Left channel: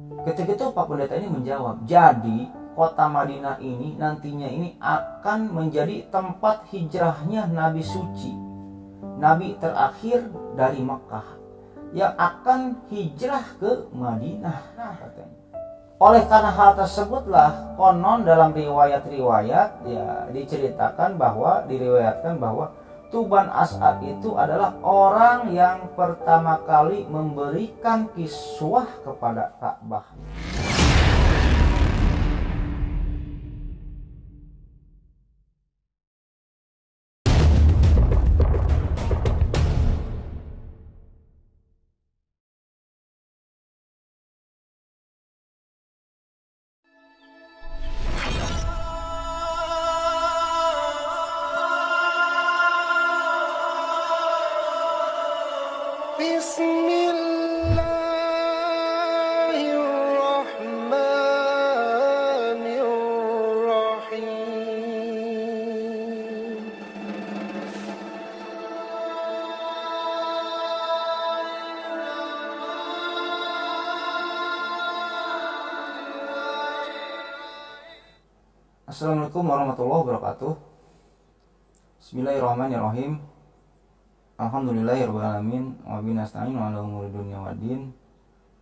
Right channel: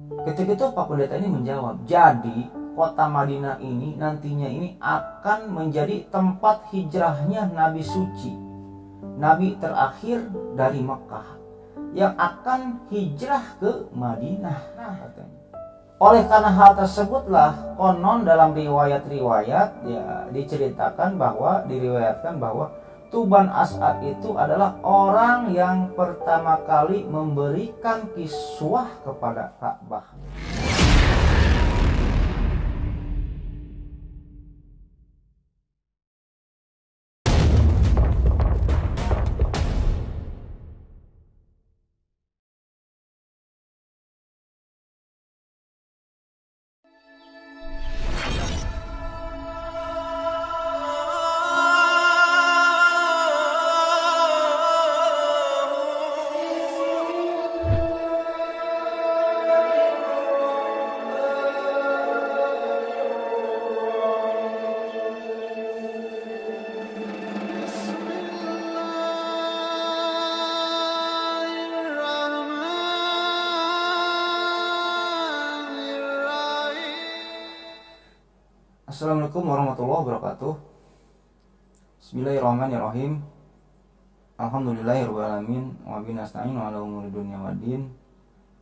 Ketika itu Pak Pendeta ini menjawab, jadi kota Madinah ini nantinya ini akan menjadi tempat hijrahnya Nabi suci, Nabi terakhir dari Mekah yang akan hijrah ke Madinah. Katanya. Oleh karena hal tersebutlah konon dalam riwayat-riwayat ya diriwayatkan bahwa Tuban As'ad itu adalah orang yang pertama kali memberikan kiswah kepada Ka'bah. Assalamualaikum warahmatullahi wabarakatuh. Bismillahirrahmanirrahim. Alhamdulillahirrahmanirrahim. Wa binasta'in wa ala umuri dunya waddin.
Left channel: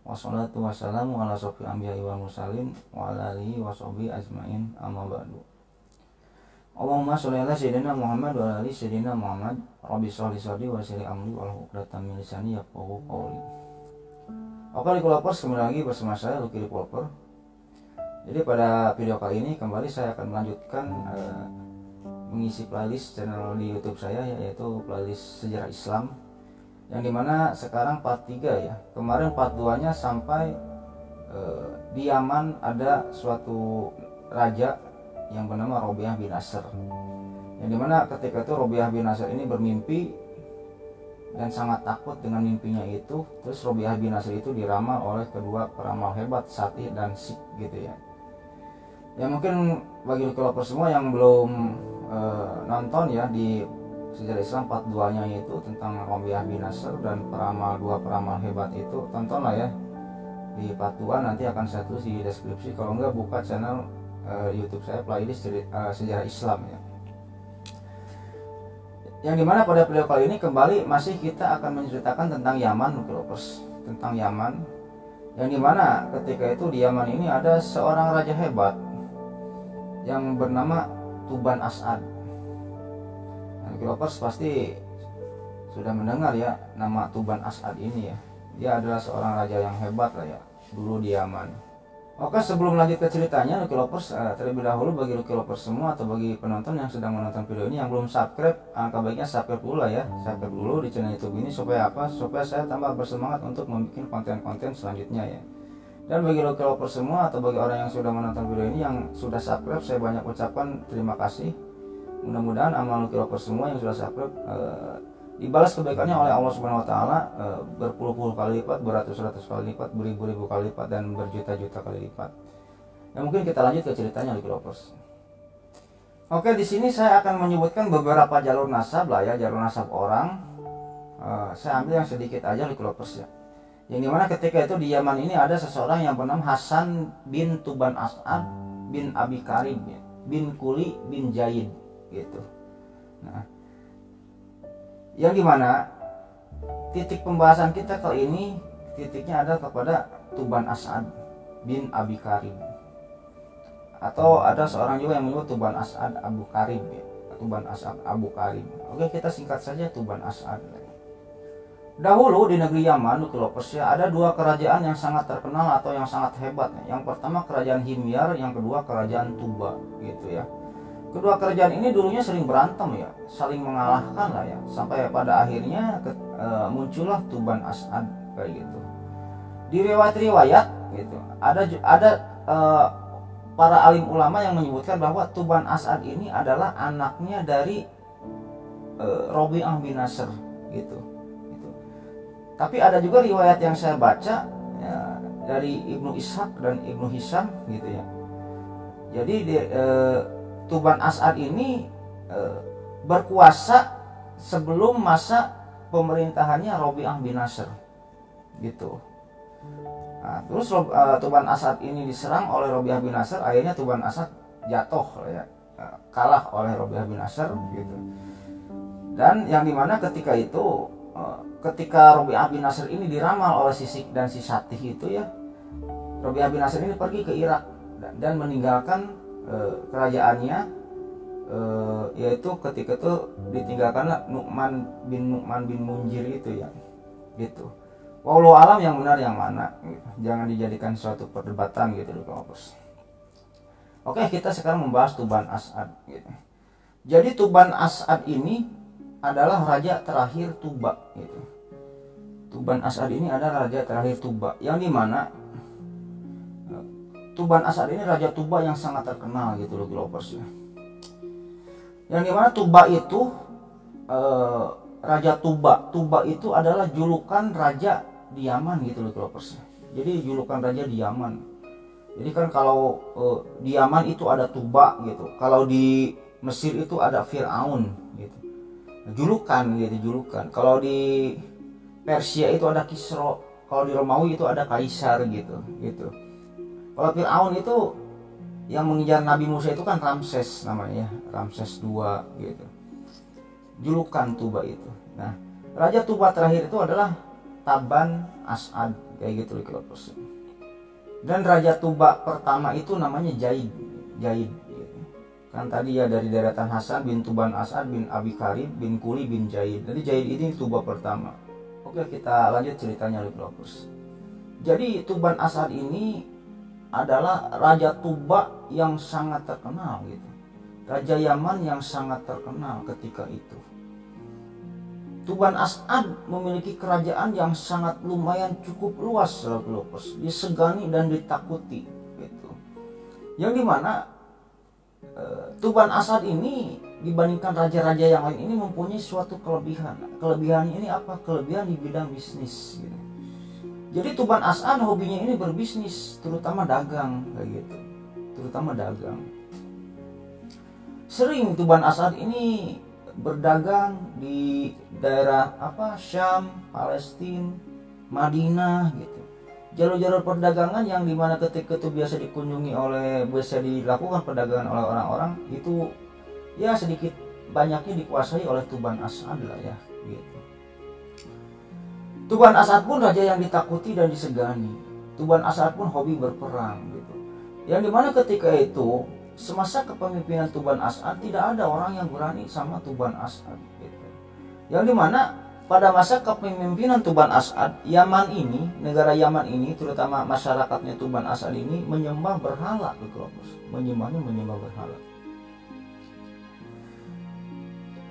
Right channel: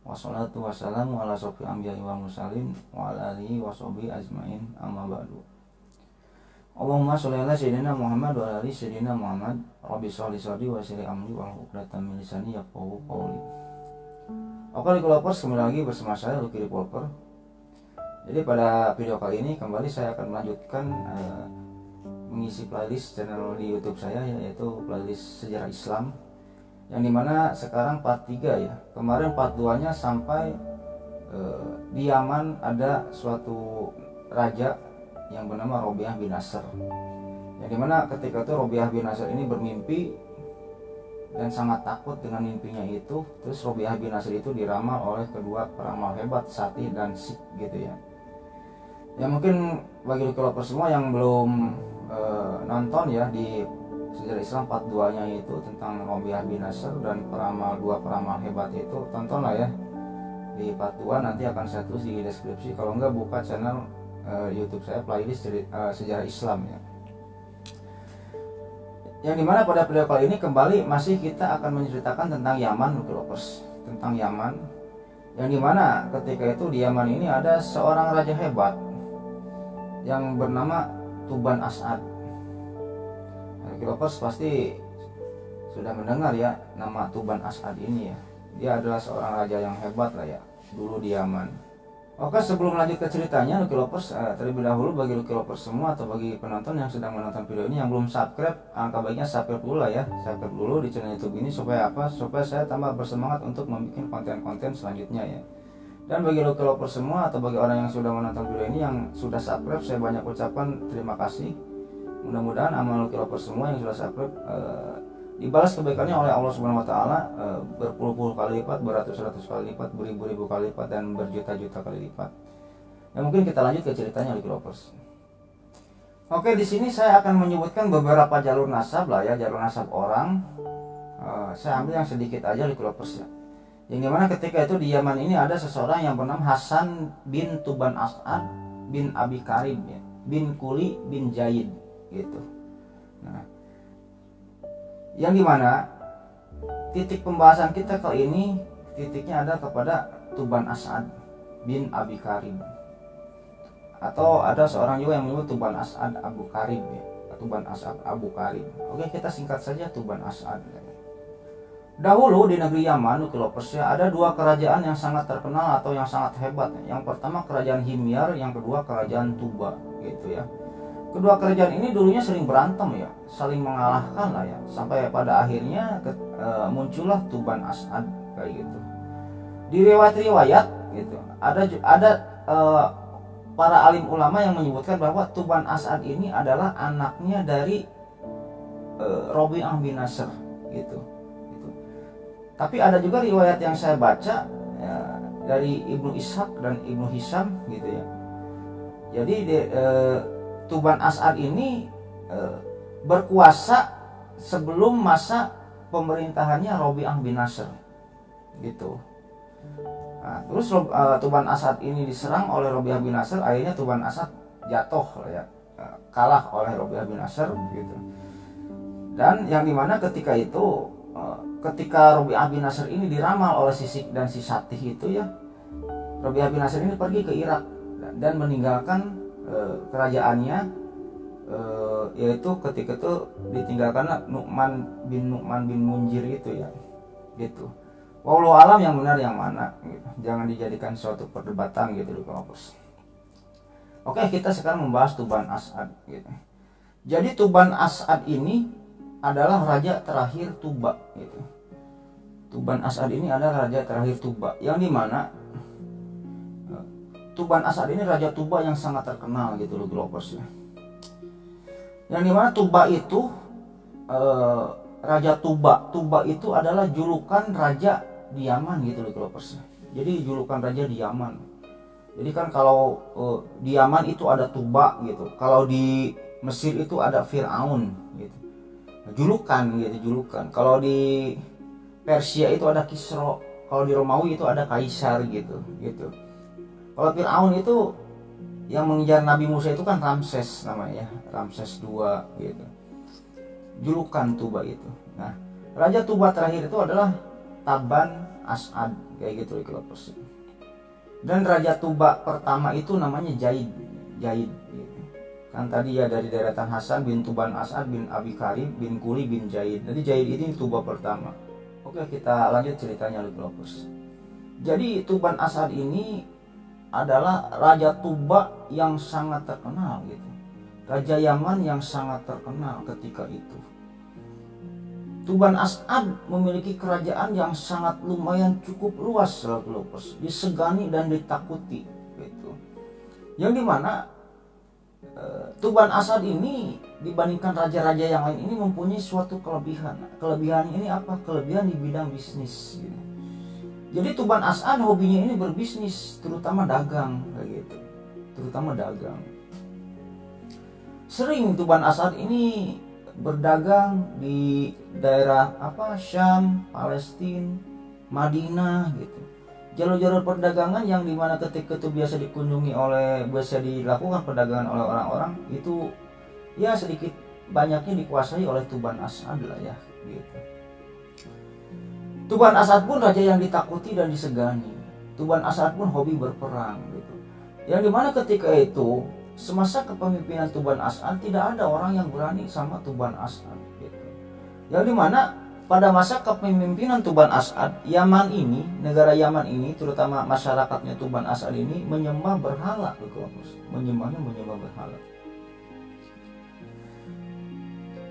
Wassalatu wassalamu ala sofil anbiya'i wa mursalin wa ala alihi wa sahbihi ajmain, amma ba'du. Allahumma sholli ala sayyidina Muhammad wa ala ali sayyidina Muhammad. Rabbi sholli sadri wa yassir amri wa hlul 'uqdatam min lisani yafqahu qawli. Oke, Likulopers, kembali lagi bersama saya Lucky Developer. Jadi pada video kali ini kembali saya akan melanjutkan mengisi playlist channel di YouTube saya, yaitu playlist sejarah Islam, yang dimana sekarang part 3 ya. Kemarin part 2 nya sampai di Yaman ada suatu raja yang bernama Robiah bin Nasr, yang dimana ketika itu Robiah bin Nasr ini bermimpi dan sangat takut dengan mimpinya itu. Terus Robiah bin Nasr itu diramal oleh kedua peramal hebat, Satih dan Sik gitu ya. Ya mungkin bagi Likulopers semua yang belum nonton ya di sejarah Islam part 2 nya itu tentang Robiah bin Nasr dan dua peramal hebat itu, tontonlah ya di part 2. Nanti akan saya tulis di deskripsi, kalau enggak buka channel YouTube saya playlist sejarah Islam ya. Yang dimana pada video kali ini kembali masih kita akan menceritakan tentang Yaman, Likulopers, tentang Yaman, yang dimana ketika itu di Yaman ini ada seorang raja hebat yang bernama Tuban As'ad. Likulopers pasti sudah mendengar ya nama Tuban As'ad ini ya. Dia adalah seorang raja yang hebat lah ya dulu di Yaman. Oke, sebelum lanjut ke ceritanya, Likulopers, terlebih dahulu bagi Likulopers semua atau bagi penonton yang sedang menonton video ini yang belum subscribe, angka baiknya subscribe dulu lah ya. Subscribe dulu di channel YouTube ini supaya apa? Supaya saya tambah bersemangat untuk membuat konten-konten selanjutnya ya. Dan bagi Likulopers semua atau bagi orang yang sudah menonton video ini yang sudah subscribe, saya banyak ucapkan terima kasih. Mudah-mudahan amal Likulopers semua yang sudah subscribe dibalas kebaikannya oleh Allah Subhanahu wa taala berpuluh-puluh kali lipat, beratus-ratus kali lipat, beribu-ribu kali lipat, dan berjuta-juta kali lipat. Ya mungkin kita lanjut ke ceritanya Likulopers. Oke, di sini saya akan menyebutkan beberapa jalur nasab lah ya, jalur nasab orang. Saya ambil yang sedikit aja Likulopers ya. Yang dimana ketika itu di Yaman ini ada seseorang yang bernama Hasan bin Tuban As'ad bin Abi Karib ya, bin Kuli bin Jaid gitu. Nah, yang dimana titik pembahasan kita kali ini titiknya ada kepada Tuban As'ad bin Abi Karib, atau ada seorang juga yang menyebut Tuban As'ad Abu Karib ya, Tuban As'ad Abu Karib. Oke, kita singkat saja Tuban As'ad. Dahulu di negeri Yaman, Likulopers ya, ada dua kerajaan yang sangat terkenal atau yang sangat hebat ya. Yang pertama kerajaan Himyar, yang kedua kerajaan Tuba gitu ya. Kedua kerajaan ini dulunya sering berantem ya, saling mengalahkan lah ya, sampai pada akhirnya muncullah Tuban As'ad kayak gitu. Di riwayat-riwayat gitu, ada para alim ulama yang menyebutkan bahwa Tuban As'ad ini adalah anaknya dari Robiah bin Nasr gitu. Tapi ada juga riwayat yang saya baca ya, dari Ibnu Ishaq dan Ibnu Hisham gitu ya. Jadi Tuban As'ad ini berkuasa sebelum masa pemerintahannya Robiah bin Nasr gitu. Nah, terus Tuban Asad ini diserang oleh Robiah bin Nasr, akhirnya Tuban Asad jatuh ya, kalah oleh Robiah bin Nasr gitu. Dan yang dimana ketika itu, ketika Robiah bin Nasr ini diramal oleh Sisik dan si Satih itu ya, Robiah bin Nasr ini pergi ke Irak dan meninggalkan kerajaannya, yaitu ketika itu ditinggalkanlah Nu'man bin Munjir itu ya, gitu. Wallahu alam yang benar yang mana gitu. Jangan dijadikan suatu perdebatan gitu di kampus. Oke, kita sekarang membahas Tuban As'ad gitu. Jadi Tuban As'ad ini adalah raja terakhir Tuba gitu. Tuban As'ad ini adalah raja terakhir Tuba, yang dimana Tuban As'ad ini raja Tuba yang sangat terkenal gitu loh Glovers ya. Yang dimana Tuba itu raja Tuba itu adalah julukan raja di Yaman gitu loh Glovers. Jadi julukan raja di Yaman. Jadi kan kalau di Yaman itu ada Tuba gitu. Kalau di Mesir itu ada Fir'aun gitu. Julukan gitu, julukan. Kalau di Persia itu ada Kisra. Kalau di Romawi itu ada Kaisar gitu. Kalau Fir'aun itu yang mengejar Nabi Musa itu kan Ramses namanya ya, Ramses II gitu. Julukan Tuba itu. Nah, raja Tuba terakhir itu adalah Taban As'ad kayak gitu loh. Dan raja Tuba pertama itu namanya Jaid gitu. Kan tadi ya dari deretan Hasan bin Tuban As'ad bin Abi Karib bin Kuli bin Jaid. Jadi Jaid ini Tuba pertama. Oke, kita lanjut ceritanya loh. Jadi Tuban As'ad ini adalah raja Tuba yang sangat terkenal gitu. Raja Yaman yang sangat terkenal ketika itu. Tuban As'ad memiliki kerajaan yang sangat lumayan cukup luas, disegani dan ditakuti gitu. Yang dimana Tuban As'ad ini dibandingkan raja-raja yang lain ini mempunyai suatu kelebihan. Kelebihan ini apa? Kelebihan di bidang bisnis gitu. Jadi Tuban As'ad hobinya ini berbisnis, terutama dagang kayak gitu. Terutama dagang. Sering Tuban As'ad ini berdagang di daerah Syam, Palestina, Madinah gitu. Jalur-jalur perdagangan yang dimana ketika itu biasa dilakukan perdagangan oleh orang-orang itu ya sedikit banyaknya dikuasai oleh Tuban As'ad lah ya gitu. Tuban As'ad pun raja yang ditakuti dan disegani. Tuban As'ad pun hobi berperang gitu. Yang dimana ketika itu semasa kepemimpinan Tuban As'ad tidak ada orang yang berani sama Tuban As'ad gitu. Yang dimana pada masa kepemimpinan Tuban As'ad, Yaman ini, negara Yaman ini, terutama masyarakatnya Tuban As'ad ini menyembah berhala, menyembah berhala.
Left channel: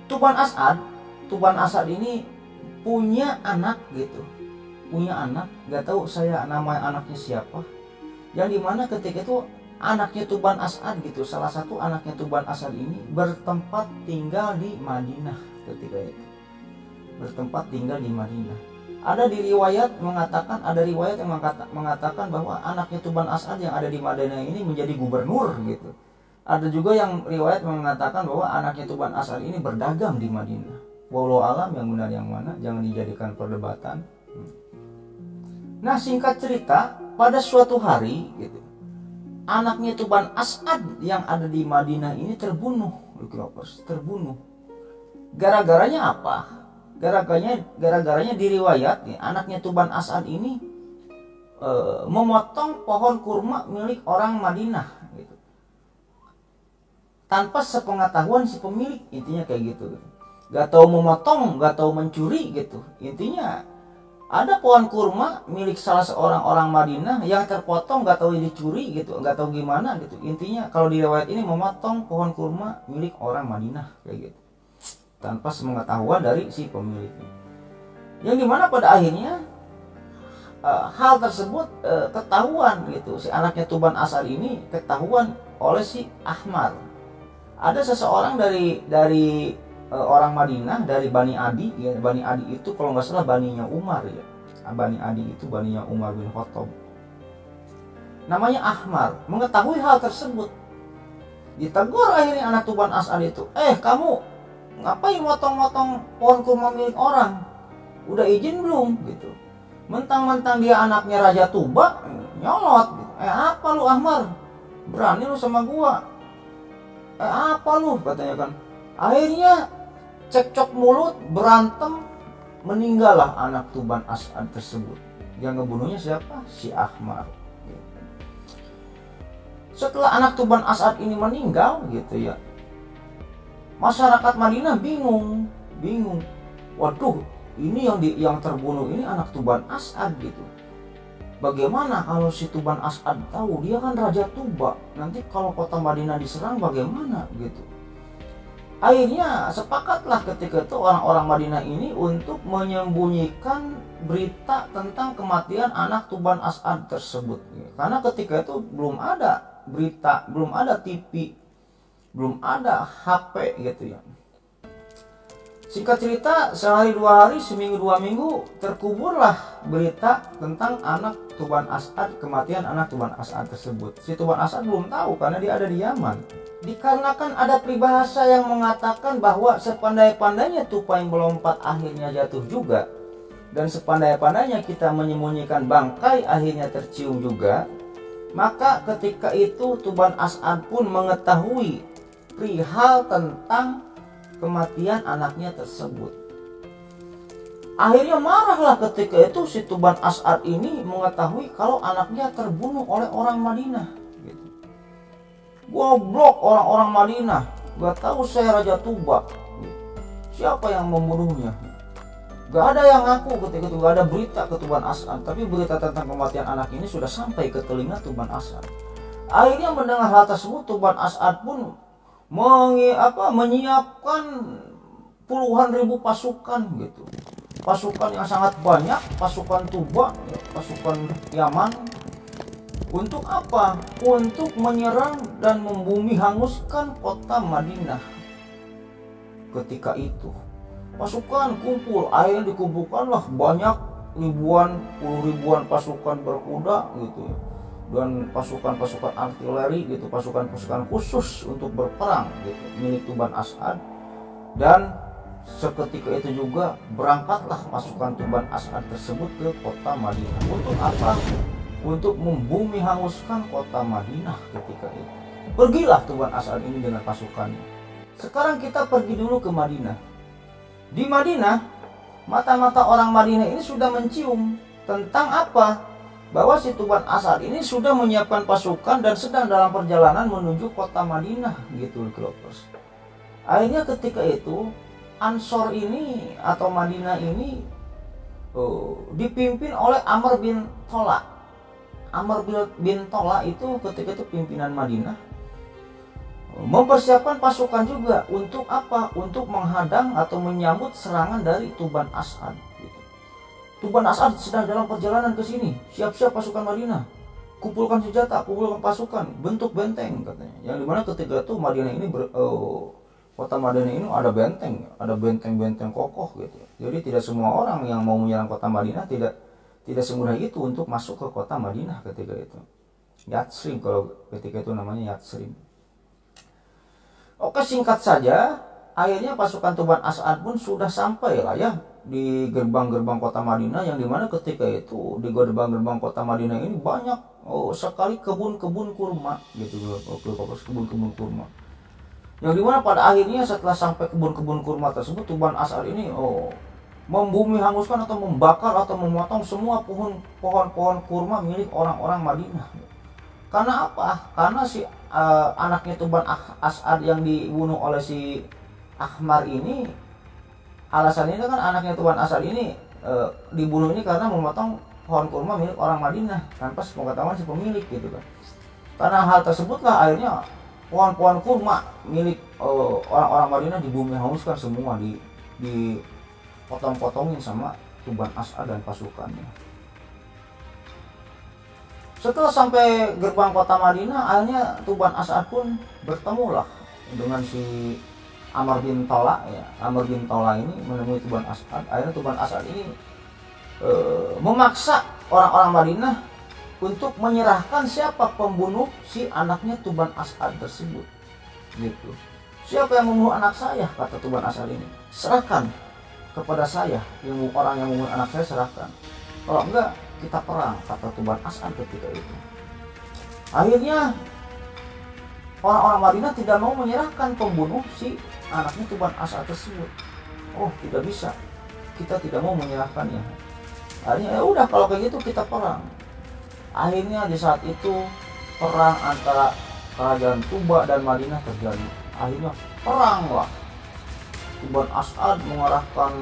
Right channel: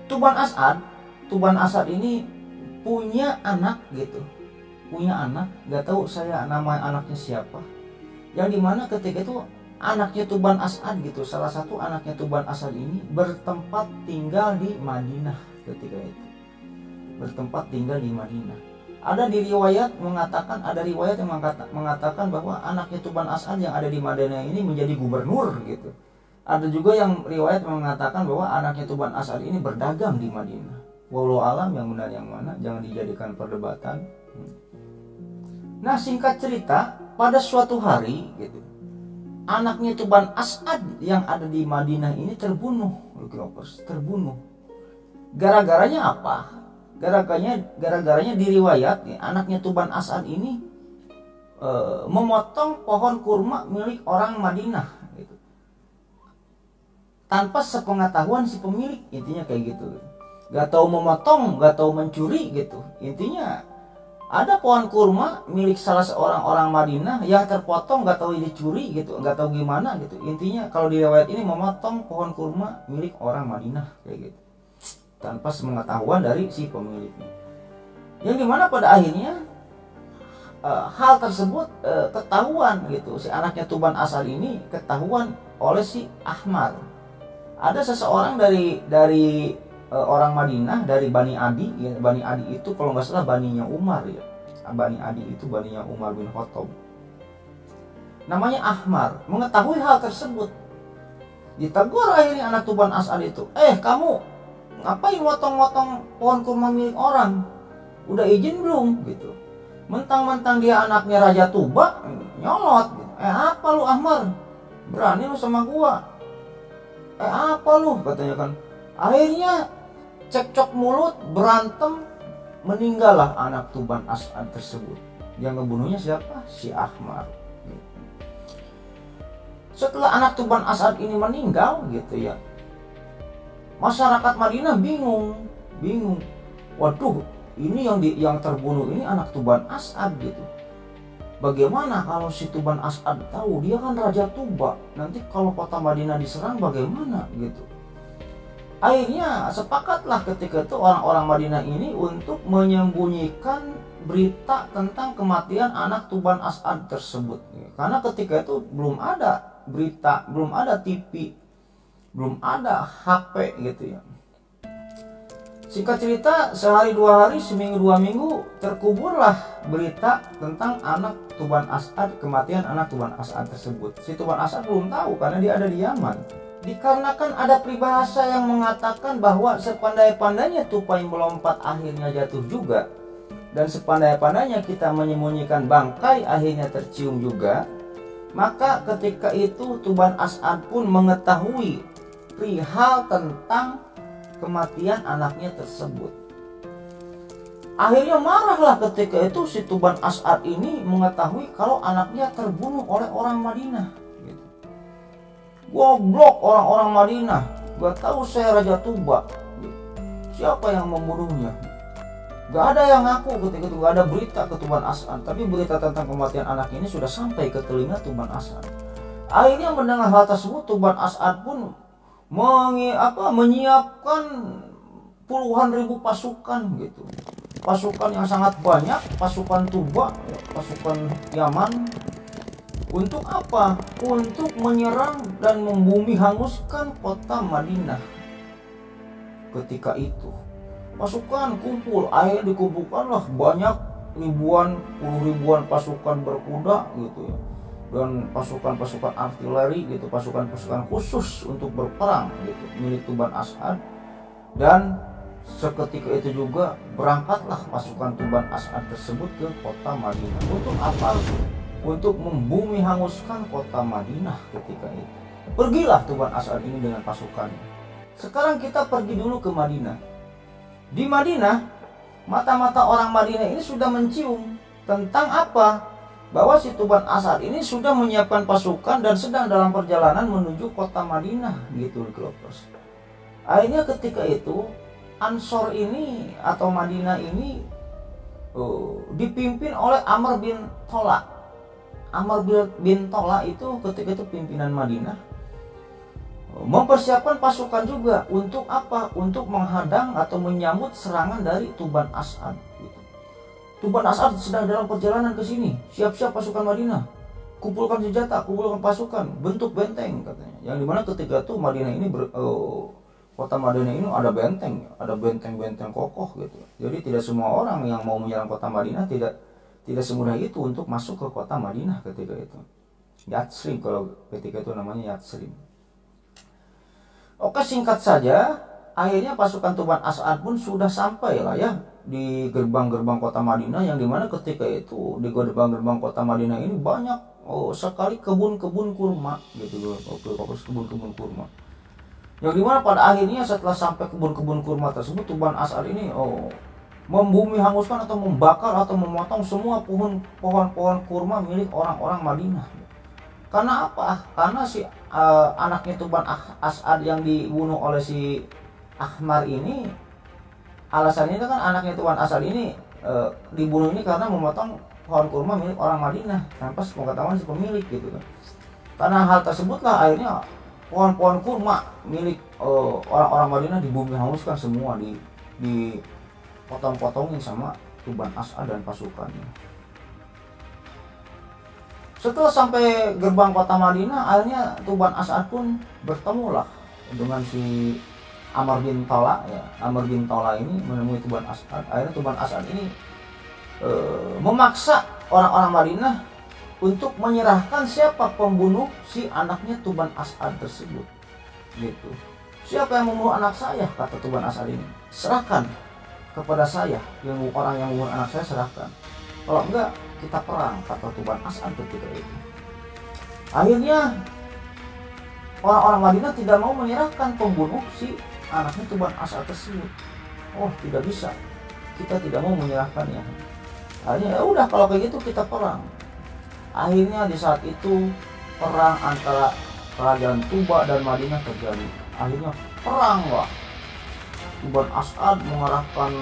Tuban As'ad ini punya anak gitu, nggak tahu saya nama anaknya siapa. Yang dimana ketika itu anaknya Tuban As'ad gitu, salah satu anaknya Tuban As'ad ini bertempat tinggal di Madinah ketika itu. Bertempat tinggal di Madinah. Ada riwayat yang mengatakan bahwa anaknya Tuban As'ad yang ada di Madinah ini menjadi gubernur gitu. Ada juga yang riwayat mengatakan bahwa anaknya Tuban As'ad ini berdagang di Madinah. Wallahu alam yang benar yang mana, jangan dijadikan perdebatan. Nah, singkat cerita, pada suatu hari gitu, anaknya Tuban As'ad yang ada di Madinah ini terbunuh. Gara-garanya apa? Gara-garanya diriwayat anaknya Tuban As'ad ini memotong pohon kurma milik orang Madinah gitu. Tanpa sepengetahuan si pemilik, intinya kayak gitu. Gak tahu memotong, gak tahu mencuri gitu. Intinya ada pohon kurma milik salah seorang orang Madinah yang terpotong, gak tahu dicuri gitu, gak tahu gimana gitu. Intinya kalau di riwayat ini memotong pohon kurma milik orang Madinah kayak gitu, tanpa sepengetahuan dari si pemiliknya. Yang dimana pada akhirnya hal tersebut ketahuan gitu. Si anaknya Tuban As'ad ini ketahuan oleh si Ahmar. Ada seseorang dari orang Madinah, dari Bani Adi ya. Bani Adi itu kalau nggak salah baninya Umar ya. Bani Adi itu baninya Umar bin Khattab. Namanya Ahmar. Mengetahui hal tersebut, ditegur akhirnya anak Tuban As'ad itu. Kamu ngapain motong-motong pohon kurma milik orang? Udah izin belum gitu? Mentang-mentang dia anaknya Raja Tuba, nyolot. Apa lu Ahmar? Berani lu sama gua? Apa lu? Katanya kan. Akhirnya cekcok mulut, berantem, meninggallah anak Tuban As'ad tersebut. Yang ngebunuhnya siapa? Si Ahmar. Setelah anak Tuban As'ad ini meninggal gitu ya, masyarakat Madinah bingung. Waduh, ini yang terbunuh ini anak Tuban As'ad gitu. Bagaimana kalau si Tuban As'ad tahu, dia kan Raja Tuba, nanti kalau kota Madinah diserang bagaimana gitu. Akhirnya sepakatlah ketika itu orang-orang Madinah ini untuk menyembunyikan berita tentang kematian anak Tuban As'ad tersebut. Karena ketika itu belum ada berita, belum ada TV, belum ada HP gitu ya. Singkat cerita, sehari dua hari, seminggu dua minggu, terkuburlah berita tentang anak Tuban As'ad, kematian anak Tuban As'ad tersebut. Si Tuban As'ad belum tahu karena dia ada di Yaman. Dikarenakan ada peribahasa yang mengatakan bahwa sepandai-pandainya tupai melompat akhirnya jatuh juga, dan sepandai-pandainya kita menyembunyikan bangkai akhirnya tercium juga. Maka ketika itu Tuban As'ad pun mengetahui perihal tentang kematian anaknya tersebut. Akhirnya marahlah ketika itu si Tuban As'ad ini mengetahui kalau anaknya terbunuh oleh orang Madinah. Goblok orang-orang Madinah, gak tahu saya Raja Tuba. Siapa yang membunuhnya? Gak ada yang ngaku ketika itu, gak ada berita ke Tuban As'ad. Tapi berita tentang kematian anak ini sudah sampai ke telinga Tuban As'ad. Akhirnya mendengar hal tersebut, Tuban As'ad pun menyiapkan puluhan ribu pasukan gitu. Pasukan yang sangat banyak, pasukan Tuba, pasukan Yaman. Untuk apa? Untuk menyerang dan membumi hanguskan kota Madinah. Ketika itu pasukan kumpul, akhirnya dikumpulkanlah banyak puluh ribuan pasukan berkuda gitu ya. Dan pasukan-pasukan artileri gitu, pasukan-pasukan khusus untuk berperang gitu milik Tuban As'ad. Dan seketika itu juga berangkatlah pasukan Tuban As'ad tersebut ke kota Madinah. Untuk apa? Untuk membumi hanguskan kota Madinah ketika itu. Pergilah Tuban As'ad ini dengan pasukannya. Sekarang kita pergi dulu ke Madinah. Di Madinah, mata-mata orang Madinah ini sudah mencium tentang apa? Bahwa si Tuban As'ad ini sudah menyiapkan pasukan dan sedang dalam perjalanan menuju kota Madinah gitu Lovers. Akhirnya ketika itu Ansor ini atau Madinah ini dipimpin oleh Amr bin Tola. Amr bin Tola itu ketika itu pimpinan Madinah, mempersiapkan pasukan juga untuk apa? Untuk menghadang atau menyambut serangan dari Tuban As'ad. Tuban As'ad sedang dalam perjalanan ke sini. Siap-siap pasukan Madinah. Kumpulkan senjata, kumpulkan pasukan, bentuk benteng katanya. Yang dimana ketika itu Madinah ini kota Madinah ini ada benteng, ada benteng-benteng kokoh gitu. Jadi tidak semua orang yang mau menyerang kota Madinah tidak semudah itu untuk masuk ke kota Madinah ketika itu. Yatsrib kalau ketika itu namanya Yatsrib. Oke, singkat saja, akhirnya pasukan Tuban As'ad pun sudah sampai lah ya di gerbang-gerbang kota Madinah, yang dimana ketika itu di gerbang-gerbang kota Madinah ini banyak sekali kebun-kebun kurma gitu, kebun-kebun kurma. Yang dimana pada akhirnya setelah sampai kebun-kebun kurma tersebut, Tuban As'ad ini membumi hanguskan atau membakar atau memotong semua pohon-pohon kurma milik orang-orang Madinah. Karena apa? Karena si anaknya Tuban As'ad yang dibunuh oleh si Ahmar ini, alasannya kan anaknya Tuban As'ad ini dibunuh ini karena memotong pohon kurma milik orang Madinah tanpa sepengetahuan si pemilik gitu kan. Karena hal tersebutlah akhirnya pohon-pohon kurma milik orang-orang Madinah dibumi hanguskan semua, dipotong-potongin sama Tuban As'ad dan pasukannya. Setelah sampai gerbang kota Madinah, akhirnya Tuban As'ad pun bertemulah dengan si Amr bin Tola ya. Amr bin Tola ini menemui Tuban As'ad. Akhirnya Tuban As'ad ini memaksa orang-orang Madinah untuk menyerahkan siapa pembunuh si anaknya Tuban As'ad tersebut gitu. Siapa yang membunuh anak saya, kata Tuban As'ad ini, serahkan kepada saya, orang yang membunuh anak saya serahkan. Kalau enggak kita perang, kata Tuban As'ad ketika itu. Akhirnya orang-orang Madinah tidak mau menyerahkan pembunuh si anaknya Tuban As'ad tersebut. Oh, tidak bisa, kita tidak mau menyerahkannya. Akhirnya ya udah, kalau kayak gitu kita perang. Akhirnya di saat itu perang antara kerajaan Tuba dan Madinah terjadi. Akhirnya peranglah. Tuban As'ad mengarahkan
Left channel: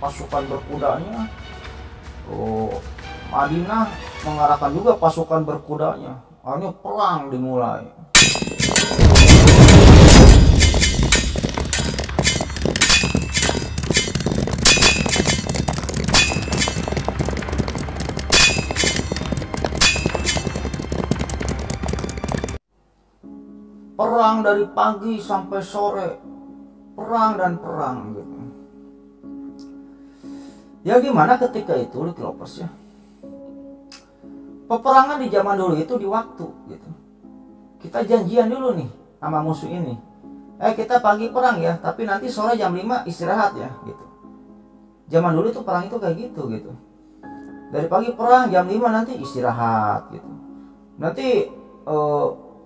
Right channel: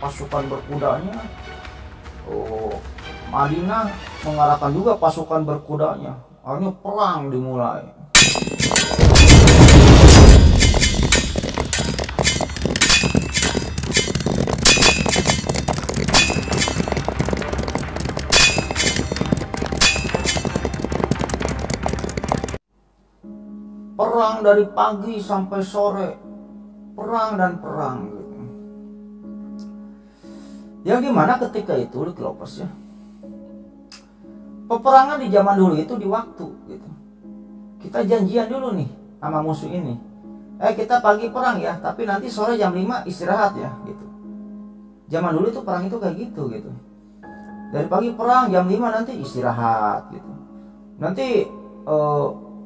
pasukan berkudanya. Madinah mengarahkan juga pasukan berkudanya. Akhirnya perang dimulai. Perang dari pagi sampai sore, perang dan perang gitu. Yang dimana ketika itu Lovers ya, peperangan di zaman dulu itu di waktu gitu. Kita janjian dulu nih sama musuh ini, kita pagi perang ya, tapi nanti sore jam 5 istirahat ya gitu. Zaman dulu tuh perang itu kayak gitu. Dari pagi perang, jam 5 nanti istirahat gitu. Nanti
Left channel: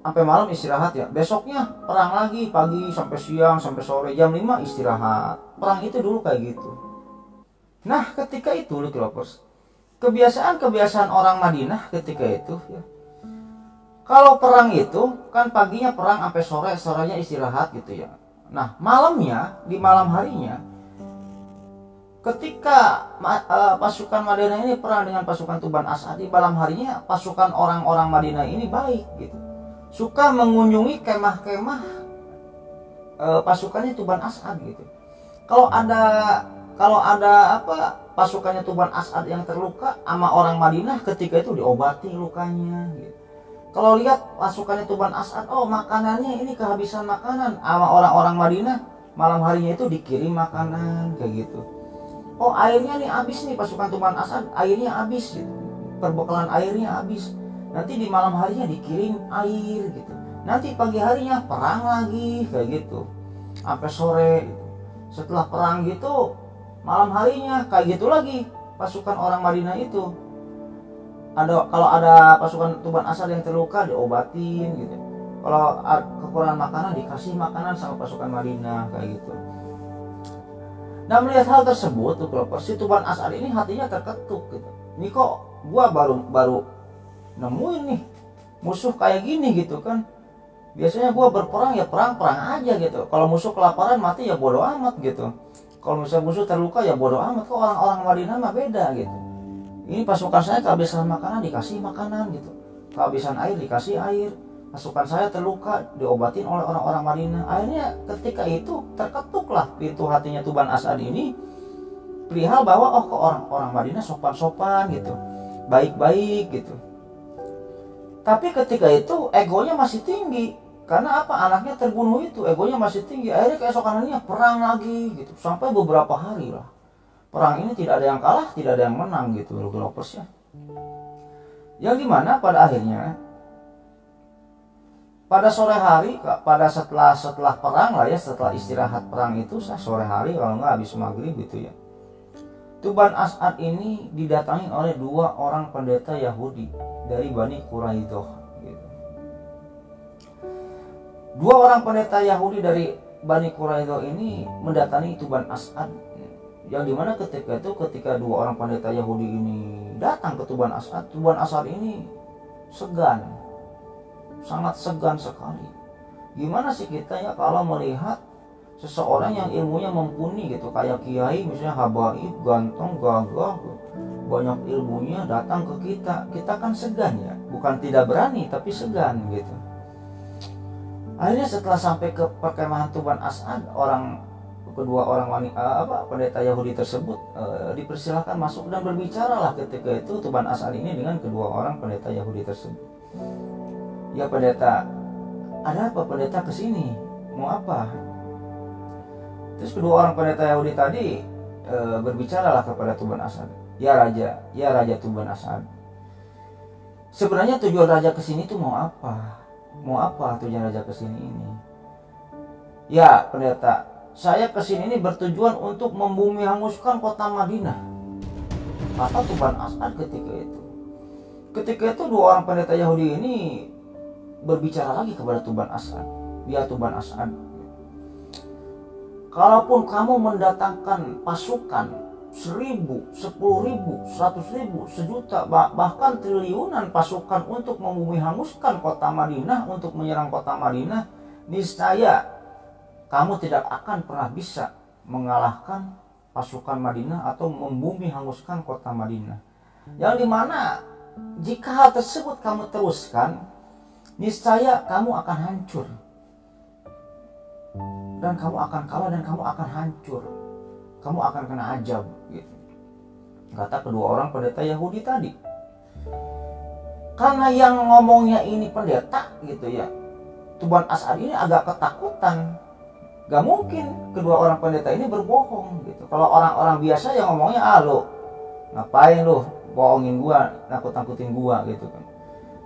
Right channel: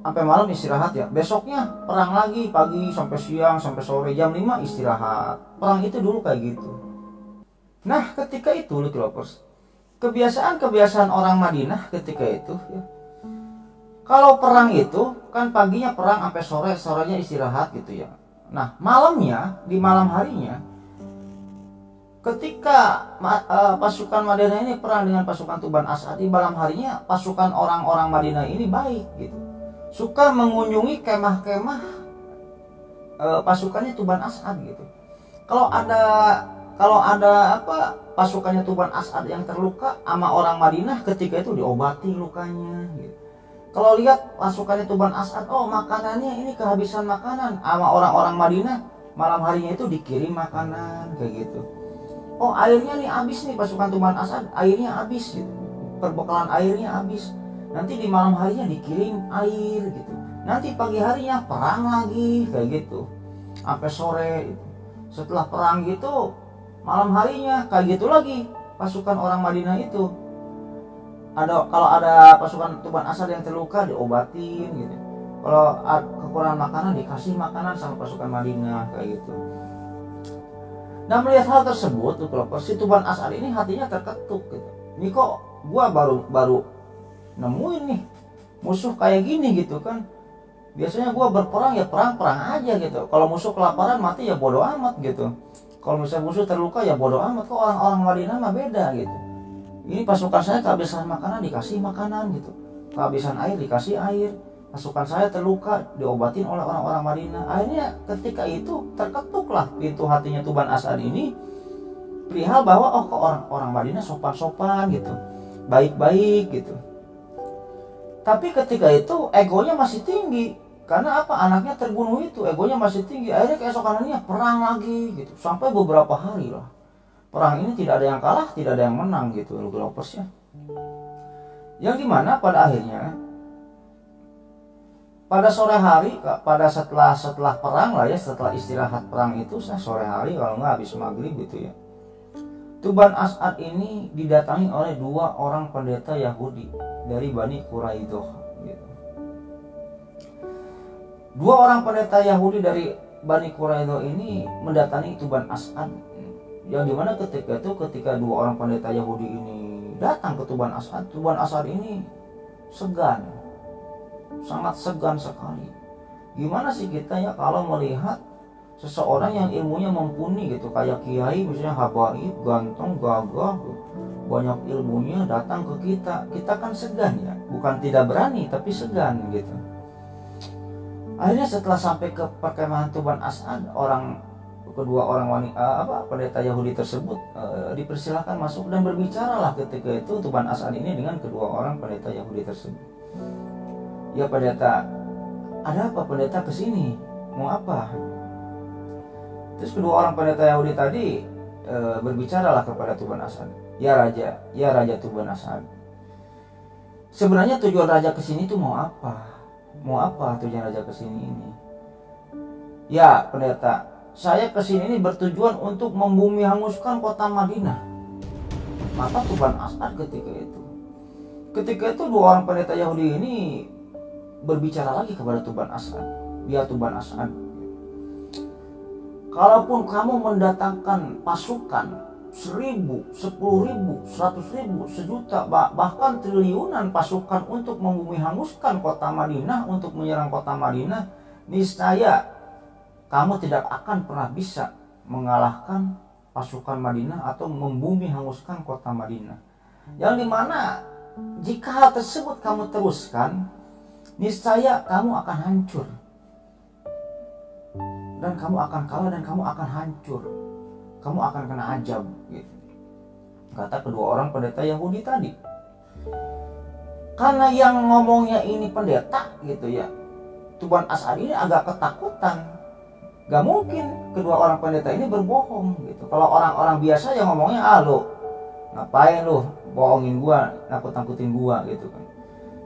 sampai malam istirahat ya. Besoknya perang lagi, pagi sampai siang sampai sore, jam 5 istirahat. Perang itu dulu kayak gitu. Nah, ketika itu Lovers, kebiasaan orang Madinah ketika itu ya, kalau perang itu kan paginya perang sampai sore, sorenya istirahat gitu ya. Nah, malamnya, di malam harinya, ketika pasukan Madinah ini perang dengan pasukan Tuban As'ad, di malam harinya pasukan orang-orang Madinah ini baik gitu, suka mengunjungi kemah-kemah pasukannya Tuban As'ad gitu. Kalau ada pasukannya Tuban As'ad yang terluka, sama orang Madinah ketika itu diobati lukanya gitu. Kalau lihat pasukannya Tuban As'ad, oh makanannya ini kehabisan makanan, sama orang-orang Madinah malam harinya itu dikirim makanan kayak gitu. Oh, airnya nih habis nih, pasukan Tuban As'ad airnya habis gitu. Perbekalan airnya habis. Nanti di malam harinya dikirim air gitu. Nanti pagi harinya perang lagi kayak gitu. Sampai sore gitu. Setelah perang gitu, malam harinya kayak gitu lagi pasukan orang Madinah itu. Kalau ada pasukan Tuban As'ad yang terluka diobatin gitu. Kalau kekurangan makanan dikasih makanan sama pasukan Madinah kayak gitu. Nah, melihat hal tersebut tuh Lovers, si Tuban As'ad ini hatinya terketuk gitu. Ini kok gua baru nemuin nih musuh kayak gini gitu kan. Biasanya gua berperang ya perang aja gitu. Kalau musuh kelaparan mati ya bodo amat gitu. Kalau misalnya musuh terluka ya bodo amat. Kok orang-orang Madinah mah beda gitu. Ini pasukan saya kehabisan makanan dikasih makanan gitu. Kehabisan air dikasih air. Pasukan saya terluka diobatin oleh orang-orang Madinah. Akhirnya ketika itu terketuklah pintu hatinya Tuban As'ad ini perihal bahwa kok orang-orang Madinah sopan-sopan gitu, baik-baik gitu. Tapi ketika itu egonya masih tinggi. Karena anaknya terbunuh itu, egonya masih tinggi. Akhirnya keesokan harinya perang lagi gitu. Sampai beberapa hari lah. Perang ini tidak ada yang kalah, tidak ada yang menang gitu Lovers ya. Yang dimana pada akhirnya pada sore hari, setelah perang lah ya, setelah istirahat perang itu sore hari, kalau nggak habis maghrib gitu ya, Tuban As'ad ini didatangi oleh 2 orang pendeta Yahudi dari Bani Quraidah gitu. 2 orang pendeta Yahudi dari Bani Quraidah ini mendatangi Tuban As'ad, yang dimana ketika 2 orang pendeta Yahudi ini datang ke Tuban As'ad ini segan, sangat segan sekali. Gimana sih kita ya kalau melihat seseorang yang ilmunya mumpuni gitu, kayak kiai misalnya habaib, ganteng, gagah, banyak ilmunya datang ke kita kan segan ya, bukan tidak berani tapi segan gitu. Akhirnya setelah sampai ke perkemahan Tuban As'ad, kedua orang pendeta Yahudi tersebut dipersilakan masuk dan berbicaralah ketika itu Tuban As'ad ini dengan kedua orang pendeta Yahudi tersebut. Ya pendeta, ada apa pendeta kesini? Mau apa? Terus kedua orang pendeta Yahudi tadi berbicaralah kepada Tuban As'ad. Ya Raja Tuban As'ad. Sebenarnya tujuan Raja kesini itu mau apa? Mau apa tujuan Raja kesini ini? Ya pendeta, saya kesini ini bertujuan untuk membumi hanguskan kota Madinah. Maka Tuban As'ad ketika itu dua orang pendeta Yahudi ini berbicara lagi kepada Tuban As'ad. Ya Tuban As'ad, kalaupun kamu mendatangkan pasukan 1.000, 10.000, 100.000, sejuta, bahkan triliunan pasukan untuk membumi hanguskan kota Madinah, untuk menyerang kota Madinah, niscaya kamu tidak akan pernah bisa mengalahkan pasukan Madinah atau membumi hanguskan kota Madinah. Yang dimana jika hal tersebut kamu teruskan, niscaya kamu akan hancur. Dan kamu akan kalah dan kamu akan hancur. Kamu akan kena azab gitu. Kata kedua orang pendeta Yahudi tadi. Karena yang ngomongnya ini pendeta gitu ya, Tuban As'ad ini agak ketakutan. Gak mungkin kedua orang pendeta ini berbohong gitu. Kalau orang-orang biasa yang ngomongnya, lo ngapain lo bohongin gua, nakut-nakutin gua gitu kan.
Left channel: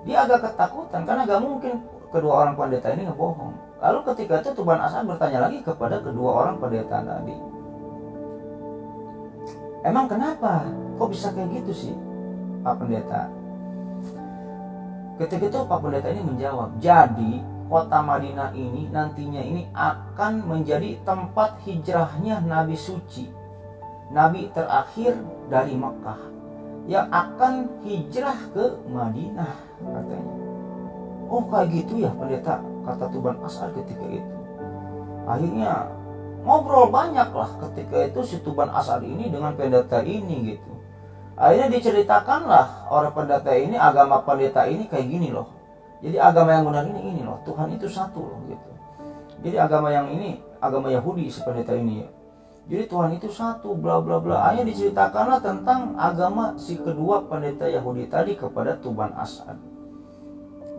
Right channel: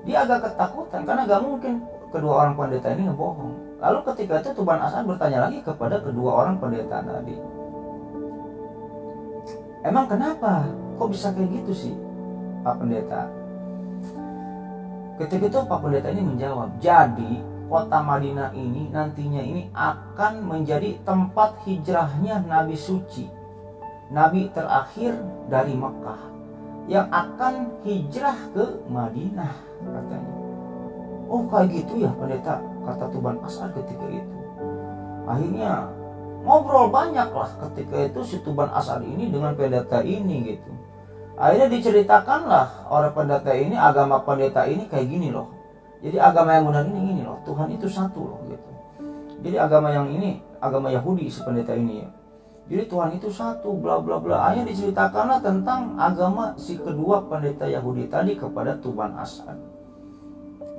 Dia agak ketakutan karena gak mungkin kedua orang pendeta ini ngebohong. Lalu ketika itu Tuban As'ad bertanya lagi kepada kedua orang pendeta tadi, emang kenapa? Kok bisa kayak gitu sih Pak Pendeta? Ketika itu Pak Pendeta ini menjawab, jadi kota Madinah ini nantinya ini akan menjadi tempat hijrahnya Nabi suci, Nabi terakhir dari Mekah, yang akan hijrah ke Madinah katanya. Oh kayak gitu ya pendeta, kata Tuban As'ad ketika itu. Akhirnya ngobrol banyak lah ketika itu si Tuban As'ad ini dengan pendeta ini gitu. Akhirnya diceritakanlah orang pendeta ini, agama pendeta ini kayak gini loh. Jadi agama yang benar ini loh, Tuhan itu satu loh gitu. Jadi agama yang ini, agama Yahudi si pendeta ini ya. Jadi Tuhan itu satu, bla bla bla. Akhirnya diceritakanlah tentang agama si kedua pendeta Yahudi tadi kepada Tuban As'ad.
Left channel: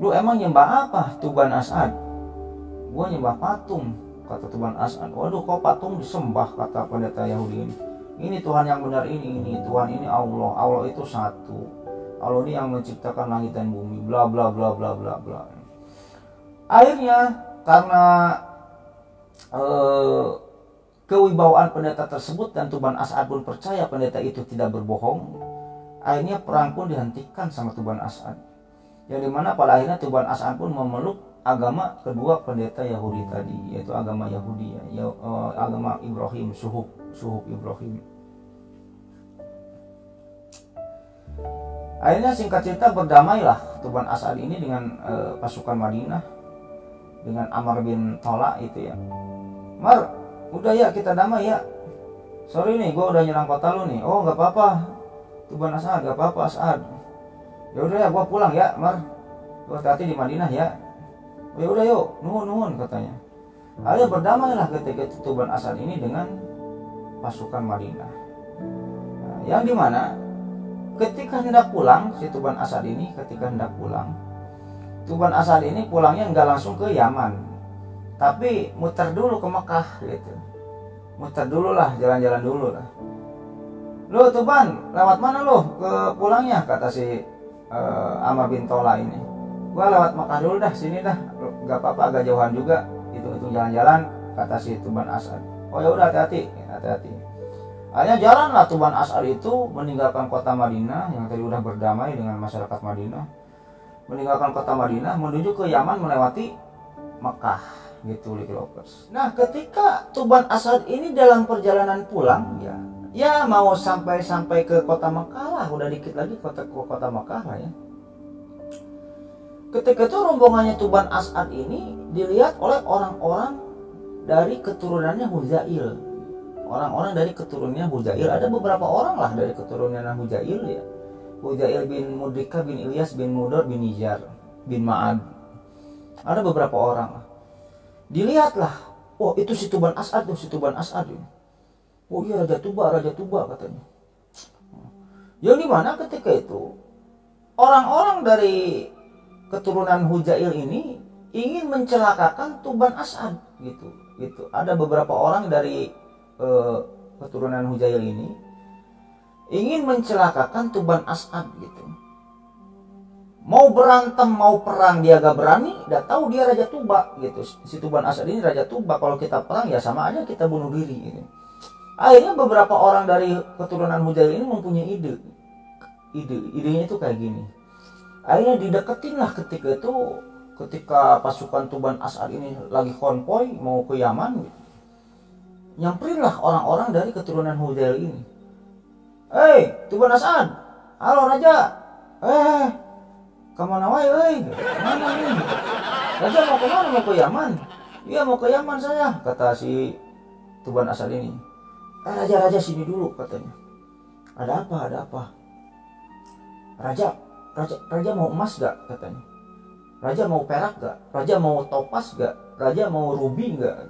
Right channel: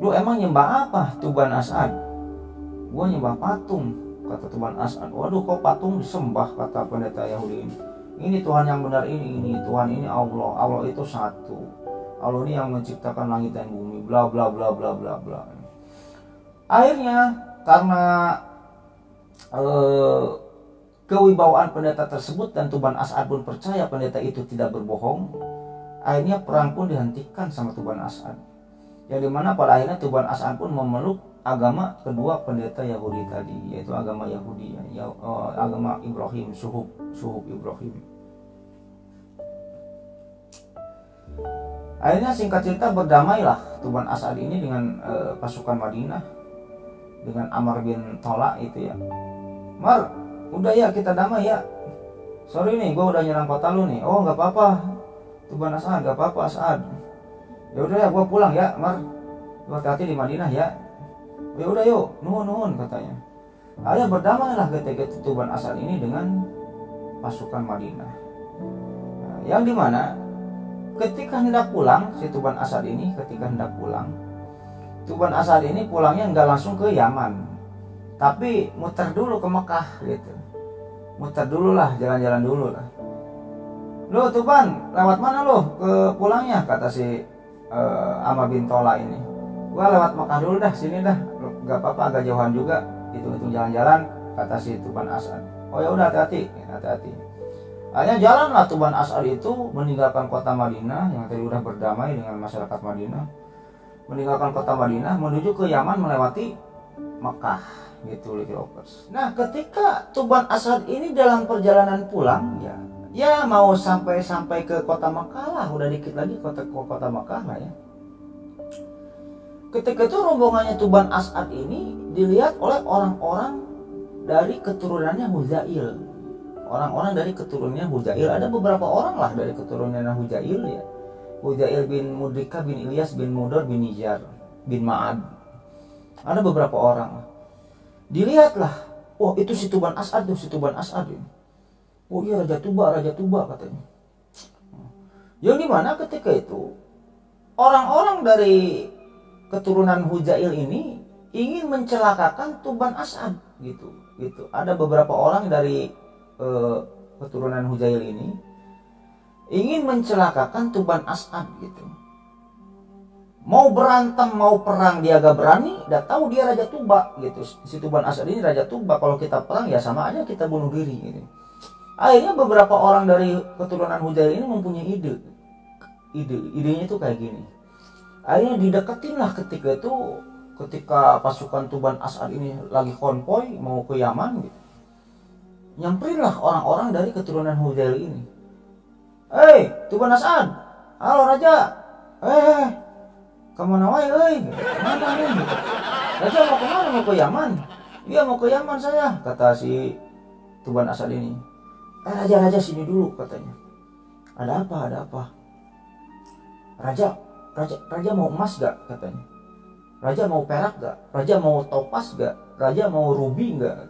Lu emang nyembah apa Tuban As'ad? Gua nyembah patung, kata Tuban As'ad. Waduh kok patung disembah, kata pendeta Yahudi ini. Ini Tuhan yang benar ini Tuhan ini Allah. Allah itu satu. Allah ini yang menciptakan langit dan bumi, bla bla bla bla bla bla. Akhirnya karena kewibawaan pendeta tersebut dan Tuban As'ad pun percaya pendeta itu tidak berbohong, akhirnya perang pun dihentikan sama Tuban As'ad. Yang dimana pada akhirnya Tuban As'ad pun memeluk agama kedua pendeta Yahudi tadi, yaitu agama Yahudi ya, agama Ibrahim, suhub Ibrahim. Akhirnya singkat cerita berdamailah Tuban As'ad ini dengan pasukan Madinah, dengan Amr bin Tola itu ya. Mar, udah ya kita damai ya. Sorry nih, gue udah nyerang kota lu nih. Oh nggak apa-apa, Tuban As'ad, nggak apa-apa As'ad. Ya udah ya, gue pulang ya, Mar. Lu hati-hati di Madinah ya. Ya udah yuk, nuhun katanya. Akhirnya berdamailah ketika Tuban As'ad ini dengan pasukan Madinah. Nah, yang dimana ketika hendak pulang si Tuban As'ad ini, Tuban As'ad ini pulangnya nggak langsung ke Yaman, tapi muter dulu ke Mekah gitu. Muter dulu lah, jalan-jalan dulu lah. Lo Tuban, lewat mana lo ke pulangnya? Kata si Amr bin Tola ini. Gua lewat Mekah dulu dah, sini dah. Gak apa-apa, agak jauhan juga. Itu jalan-jalan, kata si Tuban As'ad. Oh ya udah, hati-hati. Akhirnya jalanlah Tuban As'ad itu meninggalkan kota Madinah yang tadi udah berdamai dengan masyarakat Madinah. Meninggalkan kota Madinah menuju ke Yaman melewati Mekah gitu, Likropers. Nah, ketika Tuban As'ad ini dalam perjalanan pulang ya mau sampai ke kota Mekah lah, udah dikit lagi kota Mekah lah ya. Ketika itu rombongannya Tuban As'ad ini dilihat oleh orang-orang dari keturunannya Huzail. Orang-orang dari keturunannya Huzail, ada beberapa orang lah dari keturunan Huzail ya. Huzail bin Mudrika bin Ilyas bin Mudor bin Nijar bin Ma'ad. Ada beberapa orang lah. Dilihatlah, oh itu si Tuban As'ad tuh, Oh iya Raja Tuba katanya. Yang dimana ketika itu orang-orang dari keturunan Huzail ini ingin mencelakakan Tuban As'ad gitu. Ada beberapa orang dari keturunan Huzail ini ingin mencelakakan Tuban As'ad gitu. Mau berantem, mau perang dia gak berani, udah tahu dia Raja Tuba gitu. Si Tuban As'ad ini Raja Tuba, kalau kita perang ya sama aja kita bunuh diri gitu. Akhirnya beberapa orang dari keturunan Huzail ini mempunyai ide. idenya itu kayak gini. Akhirnya dideketin lah ketika pasukan Tuban As'ad ini lagi konvoy mau ke Yaman gitu. Nyamperin lah orang-orang dari keturunan Hujail ini. Tuban As'ad, halo raja. Kemana wae mana nih? Raja mau kemana? Mau ke Yaman? Iya mau ke Yaman saya, kata si Tuban As'ad ini. Raja sini dulu katanya. Ada apa? Raja mau emas gak katanya? Raja mau perak gak? Raja mau topas gak? Raja mau rubi gak?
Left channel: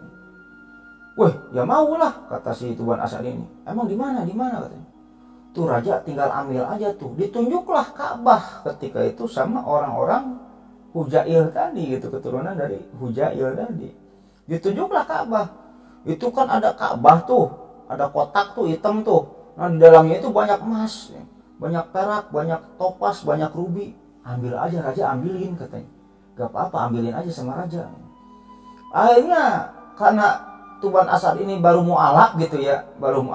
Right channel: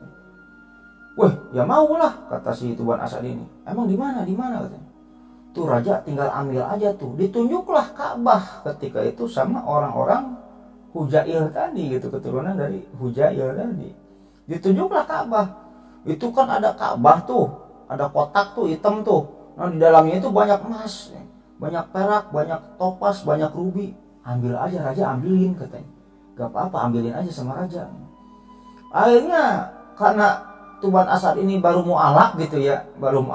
Weh, ya mau lah, kata si Tuban As'ad ini. Emang di mana katanya? Tuh raja tinggal ambil aja tuh. Ditunjuklah Ka'bah ketika itu sama orang-orang Hujail tadi gitu, keturunan dari Hujail tadi. Ditunjuklah Ka'bah. Itu kan ada Ka'bah tuh, ada kotak tuh hitam tuh. Nah di dalamnya itu banyak emas, banyak perak, banyak topas, banyak rubi. Ambil aja raja, ambilin katanya. Gak apa-apa, ambilin aja sama raja. Akhirnya karena Tuban As'ad ini baru mu'alaf gitu ya, belum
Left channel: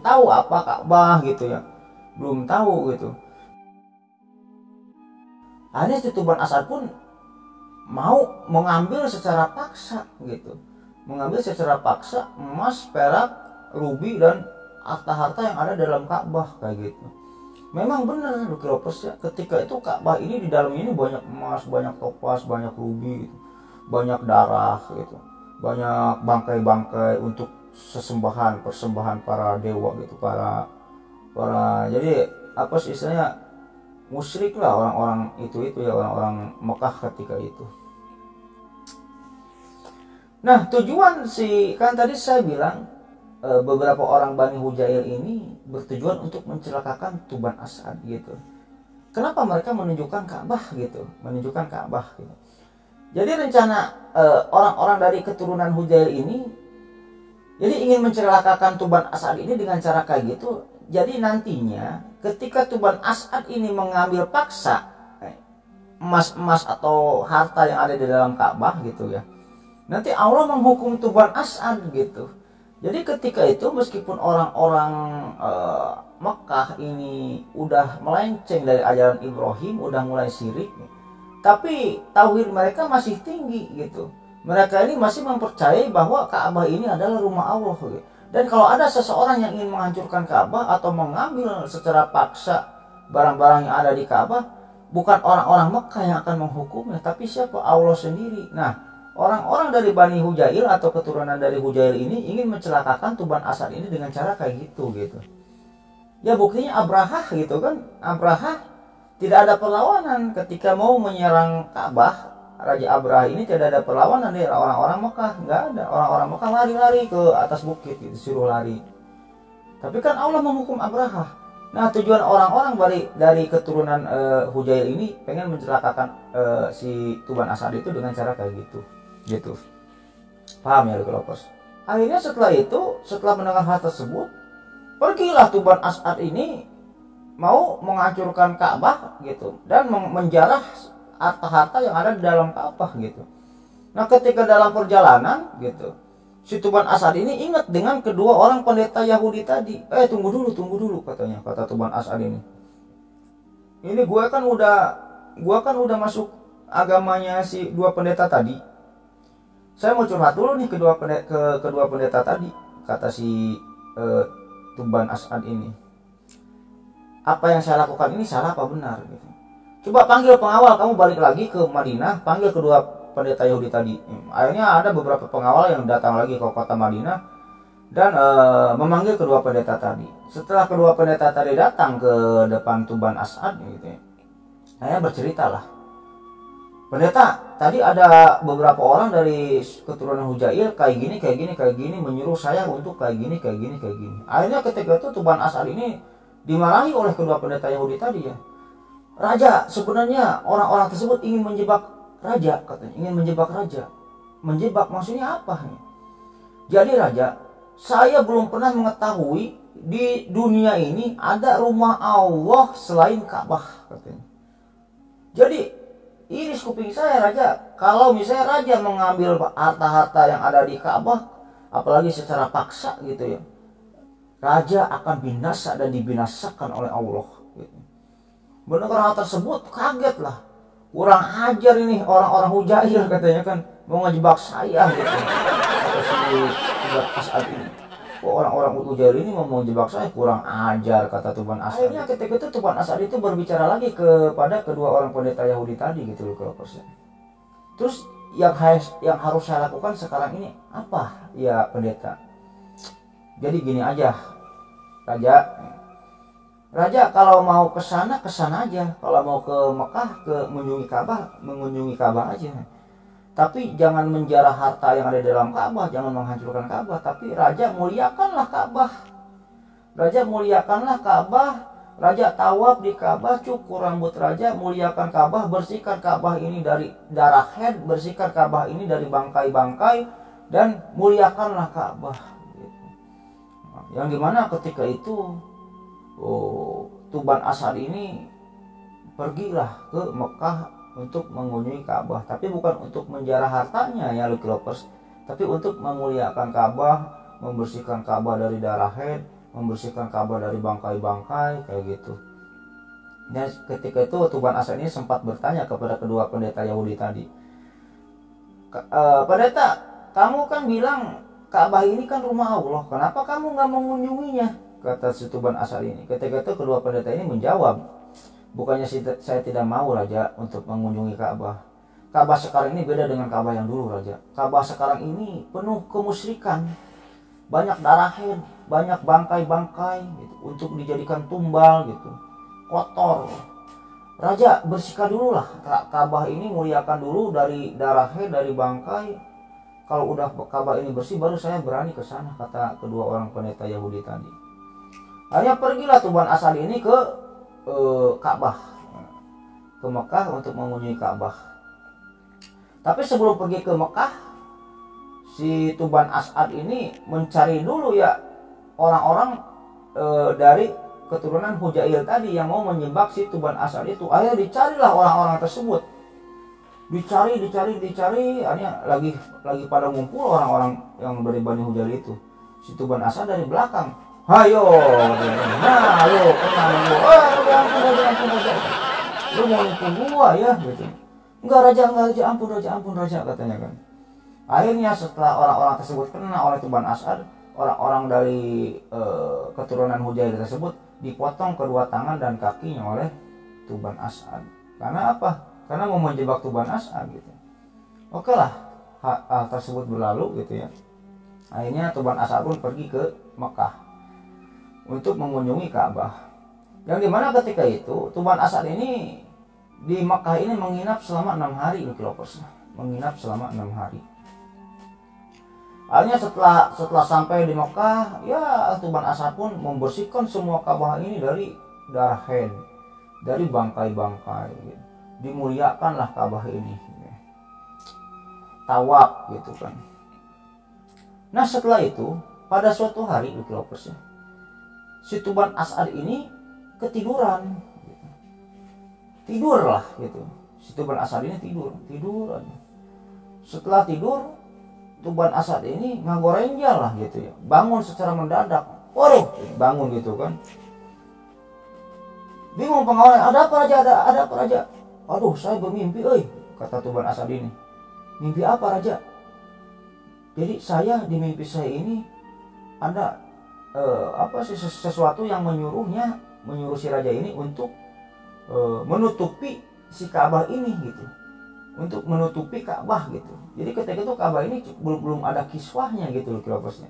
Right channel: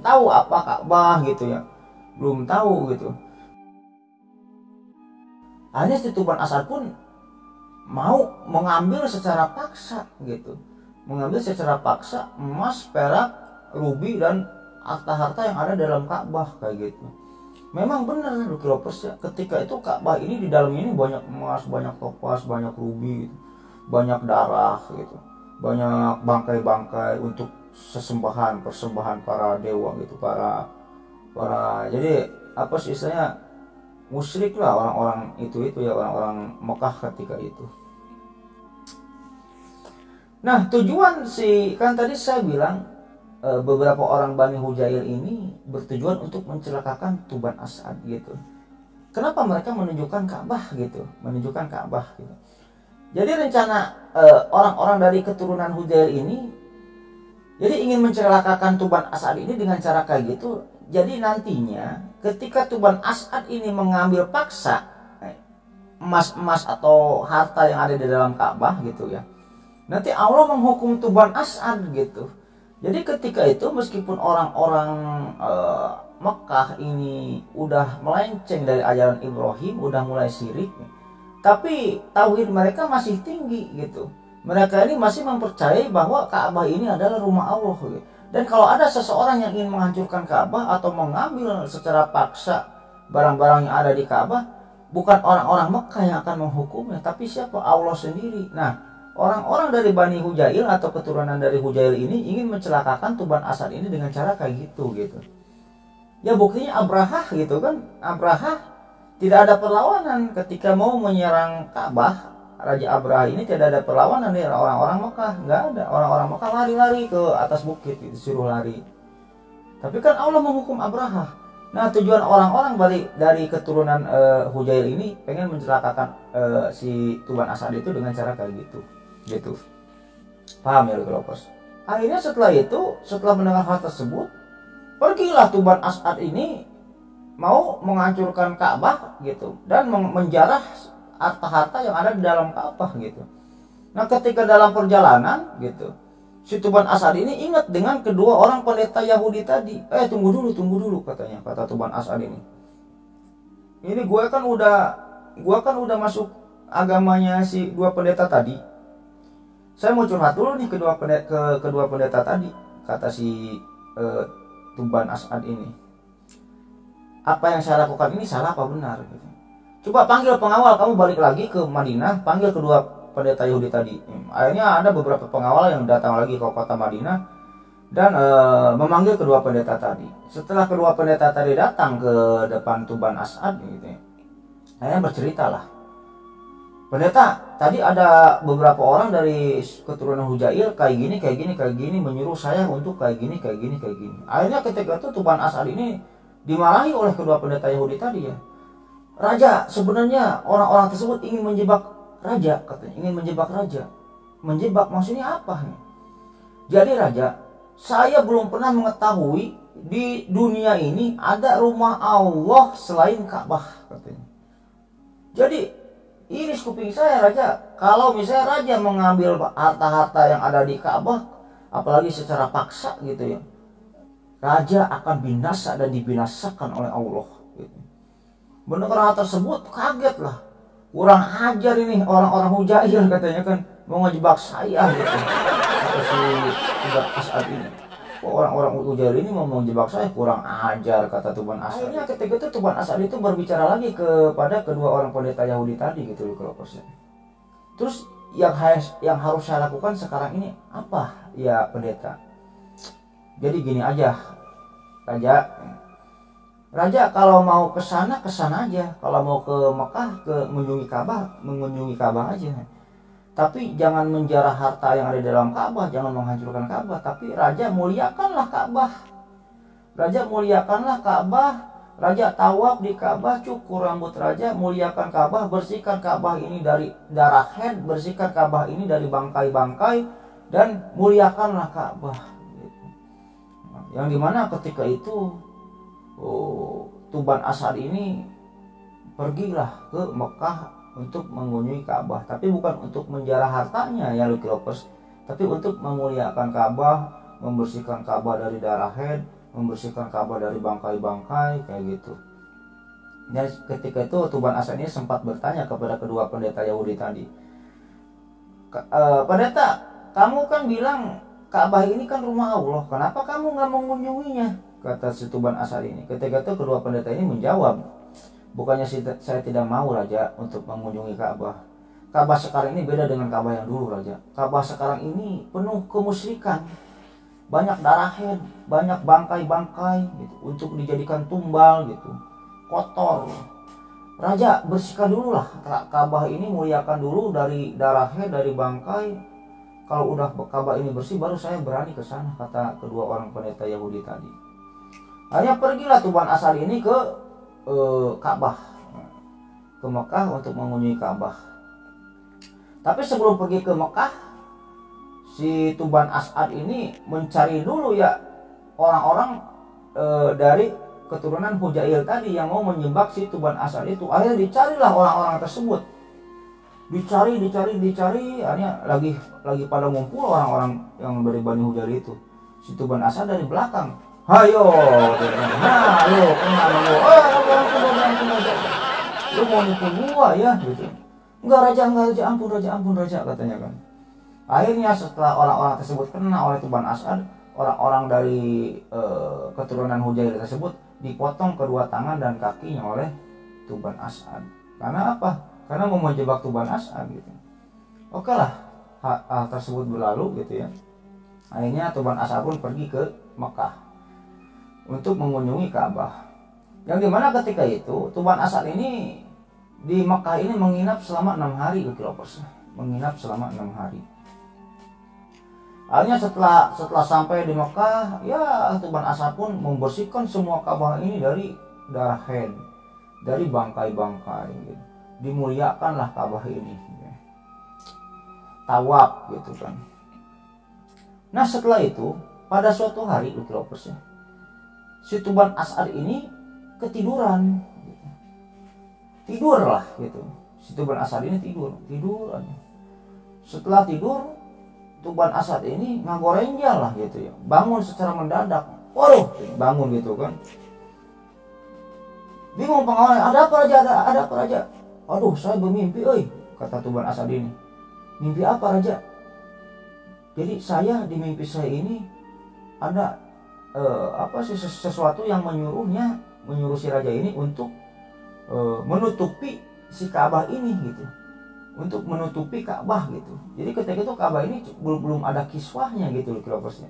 tahu apa Ka'bah gitu ya, belum tahu gitu. Akhirnya si Tuban As'ad pun mau mengambil secara paksa gitu, emas, perak, rubi dan harta-harta yang ada dalam Ka'bah kayak gitu. Memang benar Lucky Lovers ya, ketika itu Ka'bah ini di dalamnya ini banyak emas, banyak topas, banyak rubi gitu, banyak darah gitu, banyak bangkai-bangkai untuk persembahan para dewa gitu, para jadi apa sih istilahnya, musyrik lah orang-orang itu ya, orang-orang Mekah ketika itu. Nah tujuan kan tadi saya bilang beberapa orang Bani Hujail ini bertujuan untuk mencelakakan Tuban As'ad gitu. Kenapa mereka menunjukkan Ka'bah gitu? Jadi rencana orang-orang dari keturunan Hujail ini jadi ingin mencelakakan Tuban As'ad ini dengan cara kayak gitu. Jadi nantinya ketika Tuban As'ad ini mengambil paksa emas-emas atau harta yang ada di dalam Ka'bah gitu ya, nanti Allah menghukum Tuban As'ad gitu. Jadi ketika itu meskipun orang-orang Mekah ini udah melenceng dari ajaran Ibrahim, udah mulai syirik, tapi tauhid mereka masih tinggi gitu. Mereka ini masih mempercayai bahwa Ka'bah ini adalah rumah Allah gitu. Dan kalau ada seseorang yang ingin menghancurkan Ka'bah atau mengambil secara paksa barang-barang yang ada di Ka'bah, bukan orang-orang Mekah yang akan menghukumnya, tapi siapa? Allah sendiri. Nah, orang-orang dari Bani Hujail atau keturunan dari Hujail ini ingin mencelakakan Tuban As'ad ini dengan cara kayak gitu. Ya buktinya Abrahah gitu kan. Abrahah tidak ada perlawanan ketika mau menyerang Ka'bah. Raja Abrahah ini tidak ada perlawanan dari orang-orang Mekah, nggak ada. Orang-orang Mekah lari-lari ke atas bukit gitu, suruh lari. Tapi kan Allah menghukum Abrahah. Nah tujuan orang-orang dari keturunan Hujail ini pengen mencelakakan si Tuban As'ad itu dengan cara kayak gitu. Paham ya Lucky Lovers? Akhirnya setelah mendengar hal tersebut, pergilah Tuban As'ad ini mau menghancurkan Ka'bah gitu dan menjarah harta-harta yang ada di dalam Ka'bah gitu. Nah ketika dalam perjalanan gitu, si Tuban As'ad ini ingat dengan kedua orang pendeta Yahudi tadi. Tunggu dulu katanya, kata Tuban As'ad ini. Ini gue kan udah masuk agamanya si dua pendeta tadi. Saya mau curhat dulu nih kedua pendeta tadi, kata si Tuban As'ad ini. Apa yang saya lakukan ini salah apa benar gitu. Coba panggil pengawal, kamu balik lagi ke Madinah, panggil kedua pendeta Yahudi tadi. Akhirnya ada beberapa pengawal yang datang lagi ke kota Madinah dan memanggil kedua pendeta tadi. Setelah kedua pendeta tadi datang ke depan Tuban As'ad gitu ya, akhirnya berceritalah, pendeta, tadi ada beberapa orang dari keturunan Hujail kayak gini menyuruh saya untuk kayak gini. Akhirnya ketika itu Tuban As'ad ini dimarahi oleh kedua pendeta Yahudi tadi ya. Raja, sebenarnya orang-orang tersebut ingin menjebak raja, katanya, ingin menjebak raja. Menjebak maksudnya apa? Jadi raja, saya belum pernah mengetahui di dunia ini ada rumah Allah selain Ka'bah, katanya. Jadi iris kuping saya raja, kalau misalnya raja mengambil harta-harta yang ada di Ka'bah, apalagi secara paksa gitu ya, raja akan binasa dan dibinasakan oleh Allah. gitu. Mendengar hal tersebut kaget lah, kurang ajar ini orang-orang Hujail katanya kan, mau ngejebak saya gitu. Kata si Tuban As'ad ini, kok orang-orang Hujail ini mau ngejebak saya, kurang ajar, kata Tuban As'ad. Akhirnya ketika itu Tuban As'ad itu berbicara lagi kepada kedua orang pendeta Yahudi tadi gitu loh kelopersnya. Terus yang harus saya lakukan sekarang ini apa ya pendeta? Jadi gini aja Raja kalau mau ke sana aja. Kalau mau ke Mekah, mengunjungi Ka'bah aja. Tapi jangan menjarah harta yang ada di dalam Ka'bah, jangan menghancurkan Ka'bah. Tapi Raja muliakanlah Ka'bah. Raja tawaf di Ka'bah, cukur rambut Raja, muliakan Ka'bah, bersihkan Ka'bah ini dari darah haid, bersihkan Ka'bah ini dari bangkai-bangkai, dan muliakanlah Ka'bah. Yang dimana ketika itu Tuban As'ad ini pergilah ke Mekah untuk mengunjungi Ka'bah, tapi bukan untuk menjarah hartanya ya Lucky Lovers, tapi untuk memuliakan Ka'bah, membersihkan Ka'bah dari darah haid, membersihkan Ka'bah dari bangkai-bangkai kayak gitu. Dan ketika itu Tuban As'ad ini sempat bertanya kepada kedua pendeta Yahudi tadi, pendeta, kamu kan bilang Ka'bah ini kan rumah Allah, kenapa kamu nggak mengunjunginya? Kata si Tuban As'ad ini. Ketika itu kedua pendeta ini menjawab, bukannya saya tidak mau Raja untuk mengunjungi Ka'bah. Ka'bah sekarang ini beda dengan Ka'bah yang dulu Raja. Ka'bah sekarang ini penuh kemusyrikan, banyak darah haid, banyak bangkai-bangkai gitu, untuk dijadikan tumbal gitu, kotor. Raja bersihkan dulu lah Ka'bah ini, muliakan dulu dari darah haid, dari bangkai. Kalau udah Ka'bah ini bersih, baru saya berani ke sana, kata kedua orang pendeta Yahudi tadi. Hanya pergilah Tuban As'ad ini ke Ka'bah, ke Mekah untuk mengunjungi Ka'bah. Tapi sebelum pergi ke Mekah, si Tuban As'ad ini mencari dulu ya orang-orang dari keturunan Hujail tadi yang mau menyembah si Tuban As'ad itu. Akhirnya dicarilah orang-orang tersebut. Dicari, akhirnya lagi pada ngumpul orang-orang yang dari Bani Hujail itu. Si Tuban As'ad dari belakang, ayo, lu mau nipu gua ya gitu. Enggak Raja, ampun Raja katanya kan. Akhirnya setelah orang-orang tersebut kena oleh Tuban As'ad, orang-orang dari keturunan Hujail tersebut dipotong kedua tangan dan kakinya oleh Tuban As'ad. Karena apa? Karena mau menjebak Tuban As'ad gitu. Oke lah, hal tersebut berlalu gitu ya. Akhirnya Tuban As'ad pun pergi ke Mekah untuk mengunjungi Ka'bah. Yang dimana ketika itu Tuban As'ad ini di Mekah ini menginap selama 6 hari Lucky Lovers. Menginap selama 6 hari. Akhirnya setelah sampai di Mekah, ya Tuban As'ad pun membersihkan semua Ka'bah ini dari darah haid, dari bangkai-bangkai. Dimuliakanlah Ka'bah ini. Tawaf gitu kan. Nah setelah itu pada suatu hari Lucky Lovers, si Tuban As'ad ini ketiduran. Tidurlah gitu. Si Tuban As'ad ini tidur aja. Setelah tidur, Tuban As'ad ini ngagorenjal lah gitu ya. Bangun secara mendadak. Waduh, bangun gitu kan. Bingung pengawalnya, ada apa Raja? Aduh, saya bermimpi, kata Tuban As'ad ini. Mimpi apa Raja? Jadi saya di mimpi saya ini ada sesuatu yang menyuruh si raja ini untuk menutupi si Ka'bah ini gitu, untuk menutupi Ka'bah gitu. Jadi ketika itu Ka'bah ini belum ada kiswahnya gitu loh kilopusnya.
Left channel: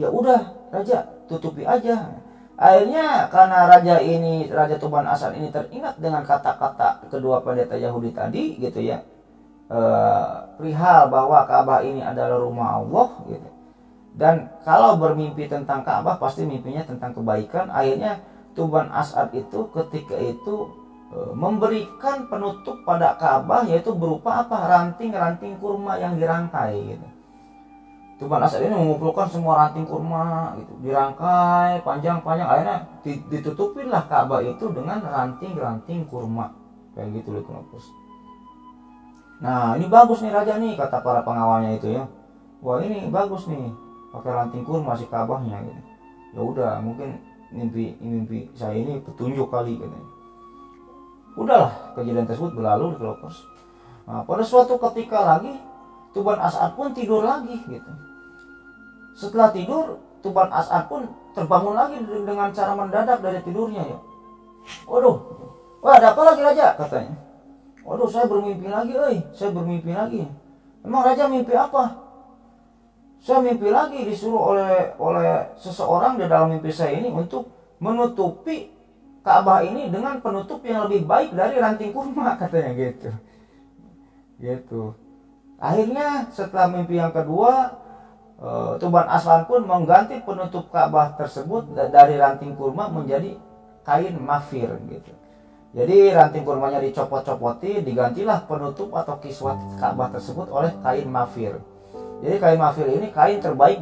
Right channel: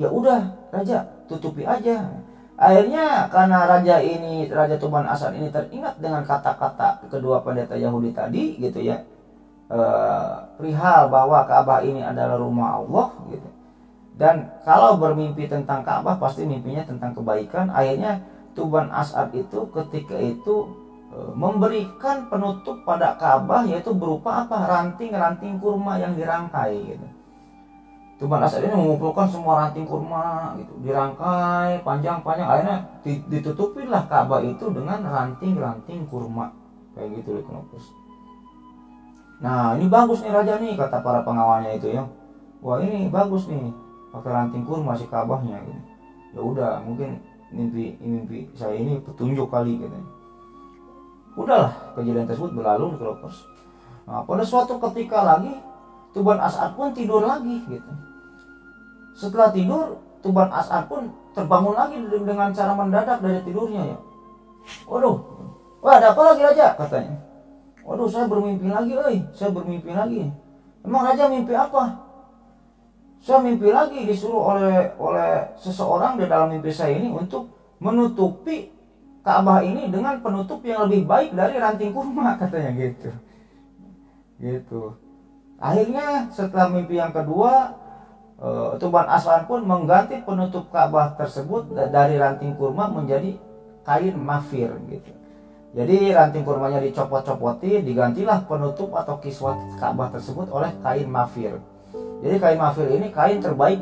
Ya udah Raja, tutupi aja. Akhirnya karena Raja Tuban As'ad ini teringat dengan kata-kata kedua pendeta Yahudi tadi gitu ya, perihal bahwa Ka'bah ini adalah rumah Allah gitu. Dan kalau bermimpi tentang Ka'bah pasti mimpinya tentang kebaikan. Akhirnya Tuban As'ad itu ketika itu memberikan penutup pada Ka'bah, yaitu berupa apa? Ranting-ranting kurma yang dirangkai gitu. Tuban As'ad ini mengumpulkan semua ranting kurma gitu, dirangkai panjang-panjang, akhirnya ditutupinlah Ka'bah itu dengan ranting-ranting kurma kayak gitu loh kenopus. Nah ini bagus nih Raja nih, kata para pengawalnya itu ya. Wah ini bagus nih, pakai ranting kurma si Ka'bahnya gitu. Ya udah, mungkin mimpi saya ini petunjuk kali katanya. Udahlah, kejadian tersebut berlalu di Kelopers. Nah, pada suatu ketika lagi Tuban As'ad pun tidur lagi gitu. Setelah tidur, Tuban As'ad pun terbangun lagi dengan cara mendadak dari tidurnya ya. Waduh, wah ada apa lagi raja katanya. Waduh, saya bermimpi lagi, saya bermimpi lagi. Emang raja mimpi apa? Saya mimpi lagi disuruh oleh seseorang di dalam mimpi saya ini untuk menutupi Ka'bah ini dengan penutup yang lebih baik dari ranting kurma katanya gitu. Gitu. Akhirnya setelah mimpi yang kedua, Tuban As'ad pun mengganti penutup Ka'bah tersebut dari ranting kurma menjadi kain mafir gitu. Jadi ranting kurmanya dicopot-copoti, digantilah penutup atau kiswah Ka'bah tersebut oleh kain mafir. Jadi kain mafir ini kain terbaik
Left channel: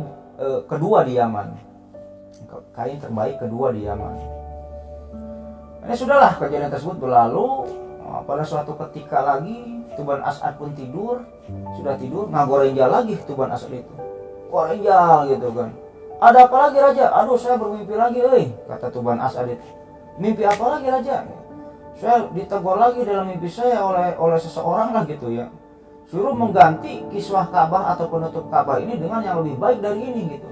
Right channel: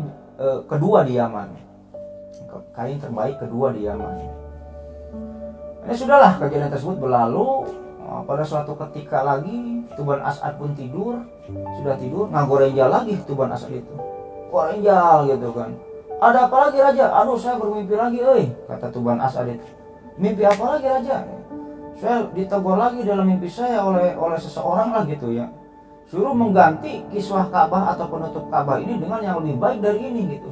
kedua di Yaman. Kain terbaik kedua di Yaman. Ini sudahlah, kejadian tersebut berlalu. Pada suatu ketika lagi Tuban As'ad pun tidur, sudah tidur, ngagorenjal lagi Tuban As'ad itu. Gorenjal gitu kan. Ada apa lagi raja? Aduh, saya bermimpi lagi, kata Tuban As'ad itu. Mimpi apa lagi raja? Saya ditegur lagi dalam mimpi saya oleh seseorang lah gitu ya. Suruh mengganti kiswah Ka'bah atau penutup Ka'bah ini dengan yang lebih baik dari ini gitu.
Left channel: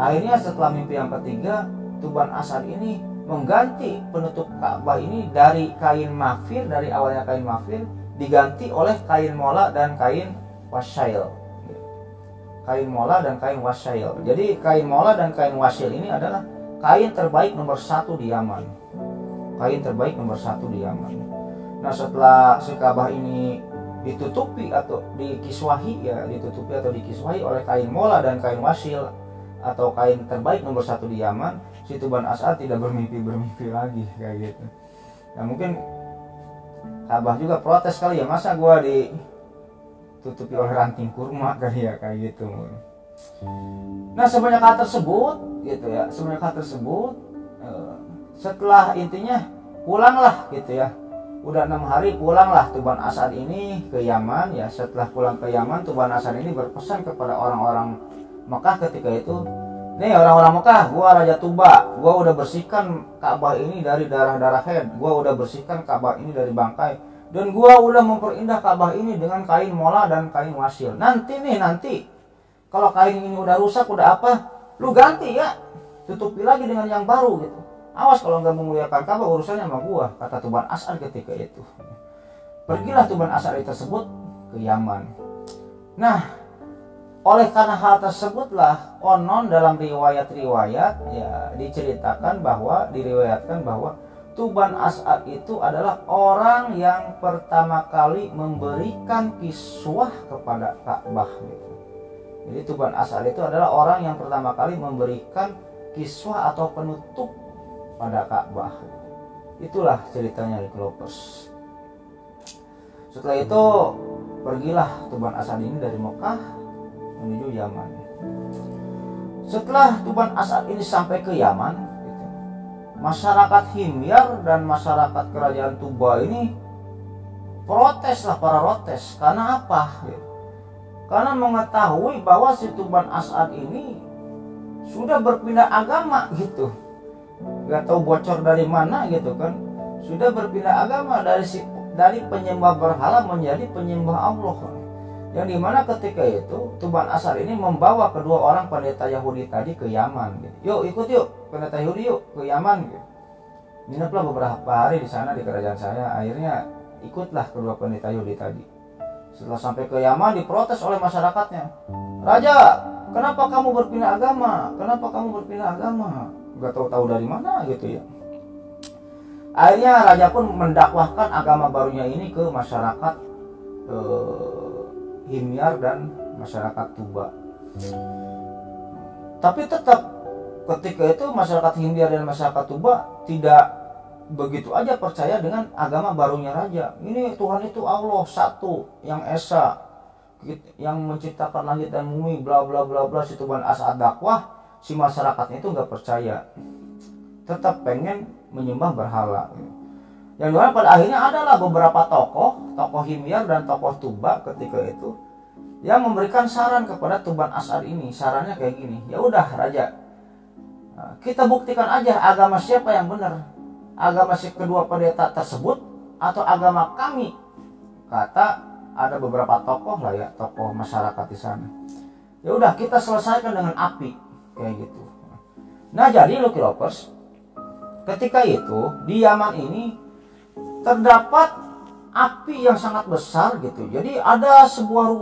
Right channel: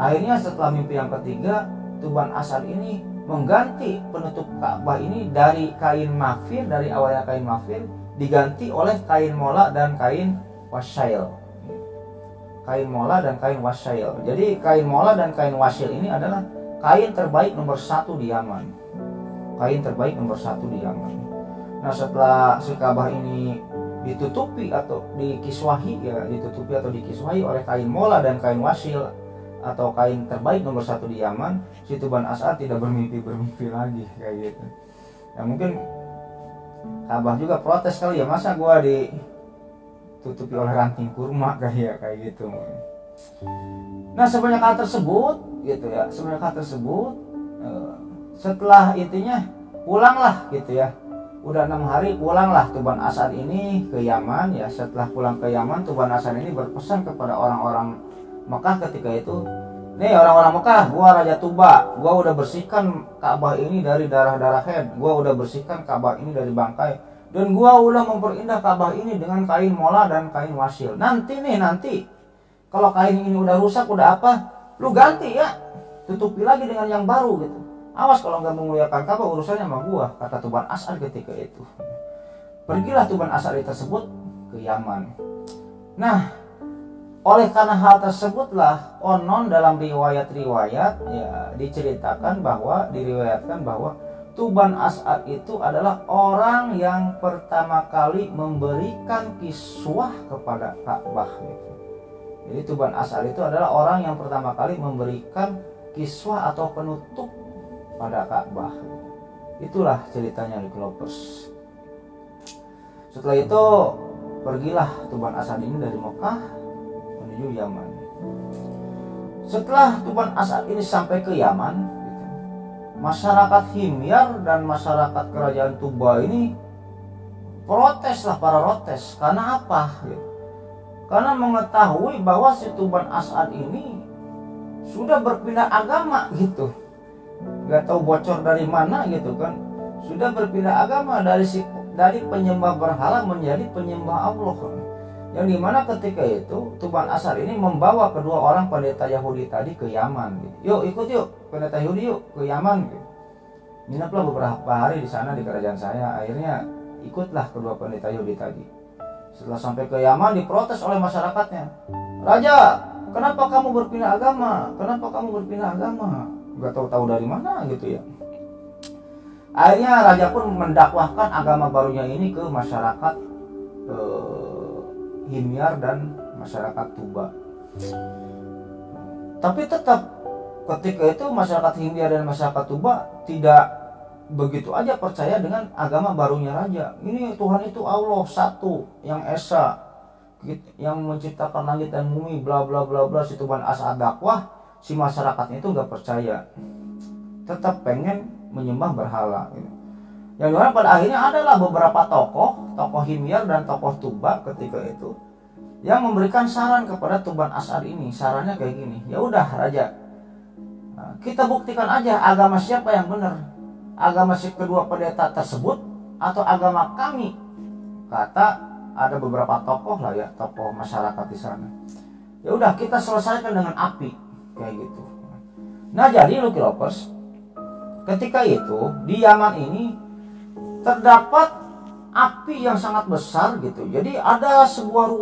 Akhirnya setelah mimpi yang ketiga, Tuban As'ad ini mengganti penutup Ka'bah ini dari kain mafir, dari awalnya kain mafir diganti oleh kain mola dan kain wasyail. Kain mola dan kain wasyail. Jadi kain mola dan kain wasyail ini adalah kain terbaik nomor 1 di Yaman. Kain terbaik nomor 1 di Yaman. Nah, setelah si Ka'bah ini ditutupi atau dikiswahi oleh kain mola dan kain wasil atau kain terbaik nomor 1 di Yaman, si Tuban As'ad tidak bermimpi lagi kayak gitu. Ya mungkin Ka'bah juga protes kali ya, masa gua ditutupi oleh ranting kurma kali ya, kayak gitu. Nah, sebanyak hal tersebut gitu ya, setelah intinya pulanglah gitu ya. Udah 6 hari pulanglah Tuban As'ad ini ke Yaman ya. Setelah pulang ke Yaman, Tuban As'ad ini berpesan kepada orang-orang Mekah ketika itu, nih orang-orang Mekah, gua Raja Tuba, gua udah bersihkan Ka'bah ini dari darah-darah haid, gua udah bersihkan Ka'bah ini dari bangkai, dan gua udah memperindah Ka'bah ini dengan kain mola dan kain wasil. Nanti kalau kain ini udah rusak, udah apa, lu ganti ya, tutupi lagi dengan yang baru gitu. Awas kalau nggak memuliakan Ka'bah, urusannya sama gua, kata Tuban As'ad ketika itu. Pergilah Tuban As'ad tersebut ke Yaman. Nah, oleh karena hal tersebutlah konon dalam riwayat-riwayat ya diriwayatkan bahwa Tuban As'ad itu adalah orang yang pertama kali memberikan kiswah kepada Ka'bah gitu. Jadi Tuban As'ad itu adalah orang yang pertama kali memberikan kiswah atau penutup pada Ka'bah. Itulah ceritanya di Kelopers. Setelah itu pergilah Tuban As'ad ini dari Mekah menuju Yaman. Setelah Tuban As'ad ini sampai ke Yaman gitu, masyarakat Himyar dan masyarakat kerajaan Tuba ini protes. Karena apa gitu? Karena mengetahui bahwa si Tuban As'ad ini sudah berpindah agama gitu. Gak tahu bocor dari mana gitu kan. Sudah berpindah agama dari penyembah berhala menjadi penyembah Allah. Yang dimana ketika itu Tuban As'ad ini membawa kedua orang pendeta Yahudi tadi ke Yaman gitu. Ikut yuk pendeta Yahudi ke Yaman gitu. Ngineplah beberapa hari di sana di kerajaan saya. Akhirnya ikutlah kedua pendeta Yahudi tadi. Setelah sampai ke Yaman, diprotes oleh masyarakatnya. Raja, kenapa kamu berpindah agama? Gak tahu dari mana gitu ya. Akhirnya raja pun mendakwahkan agama barunya ini ke masyarakat Himyar dan masyarakat Tuba. Tapi tetap ketika itu masyarakat Himyar dan masyarakat Tuba tidak begitu aja percaya dengan agama barunya raja. Ini Tuhan itu Allah satu, yang esa, yang menciptakan langit dan bumi, bla bla bla bla. Si Tuban As'ad dakwah, si masyarakatnya itu nggak percaya, tetap pengen menyembah berhala. Yang dimana pada akhirnya adalah beberapa tokoh Himyar dan tokoh Tuba ketika itu yang memberikan saran kepada Tuban As'ad ini. Sarannya kayak gini, ya udah raja, Nah, kita buktikan aja agama siapa yang benar, agama si kedua pendeta tersebut atau agama kami. Kata ada beberapa tokoh lah ya, tokoh masyarakat di sana. Ya udah, kita selesaikan dengan api kayak gitu. Nah jadi Lucky Lovers, ketika itu di Yaman ini terdapat api yang sangat besar gitu. Jadi ada sebuah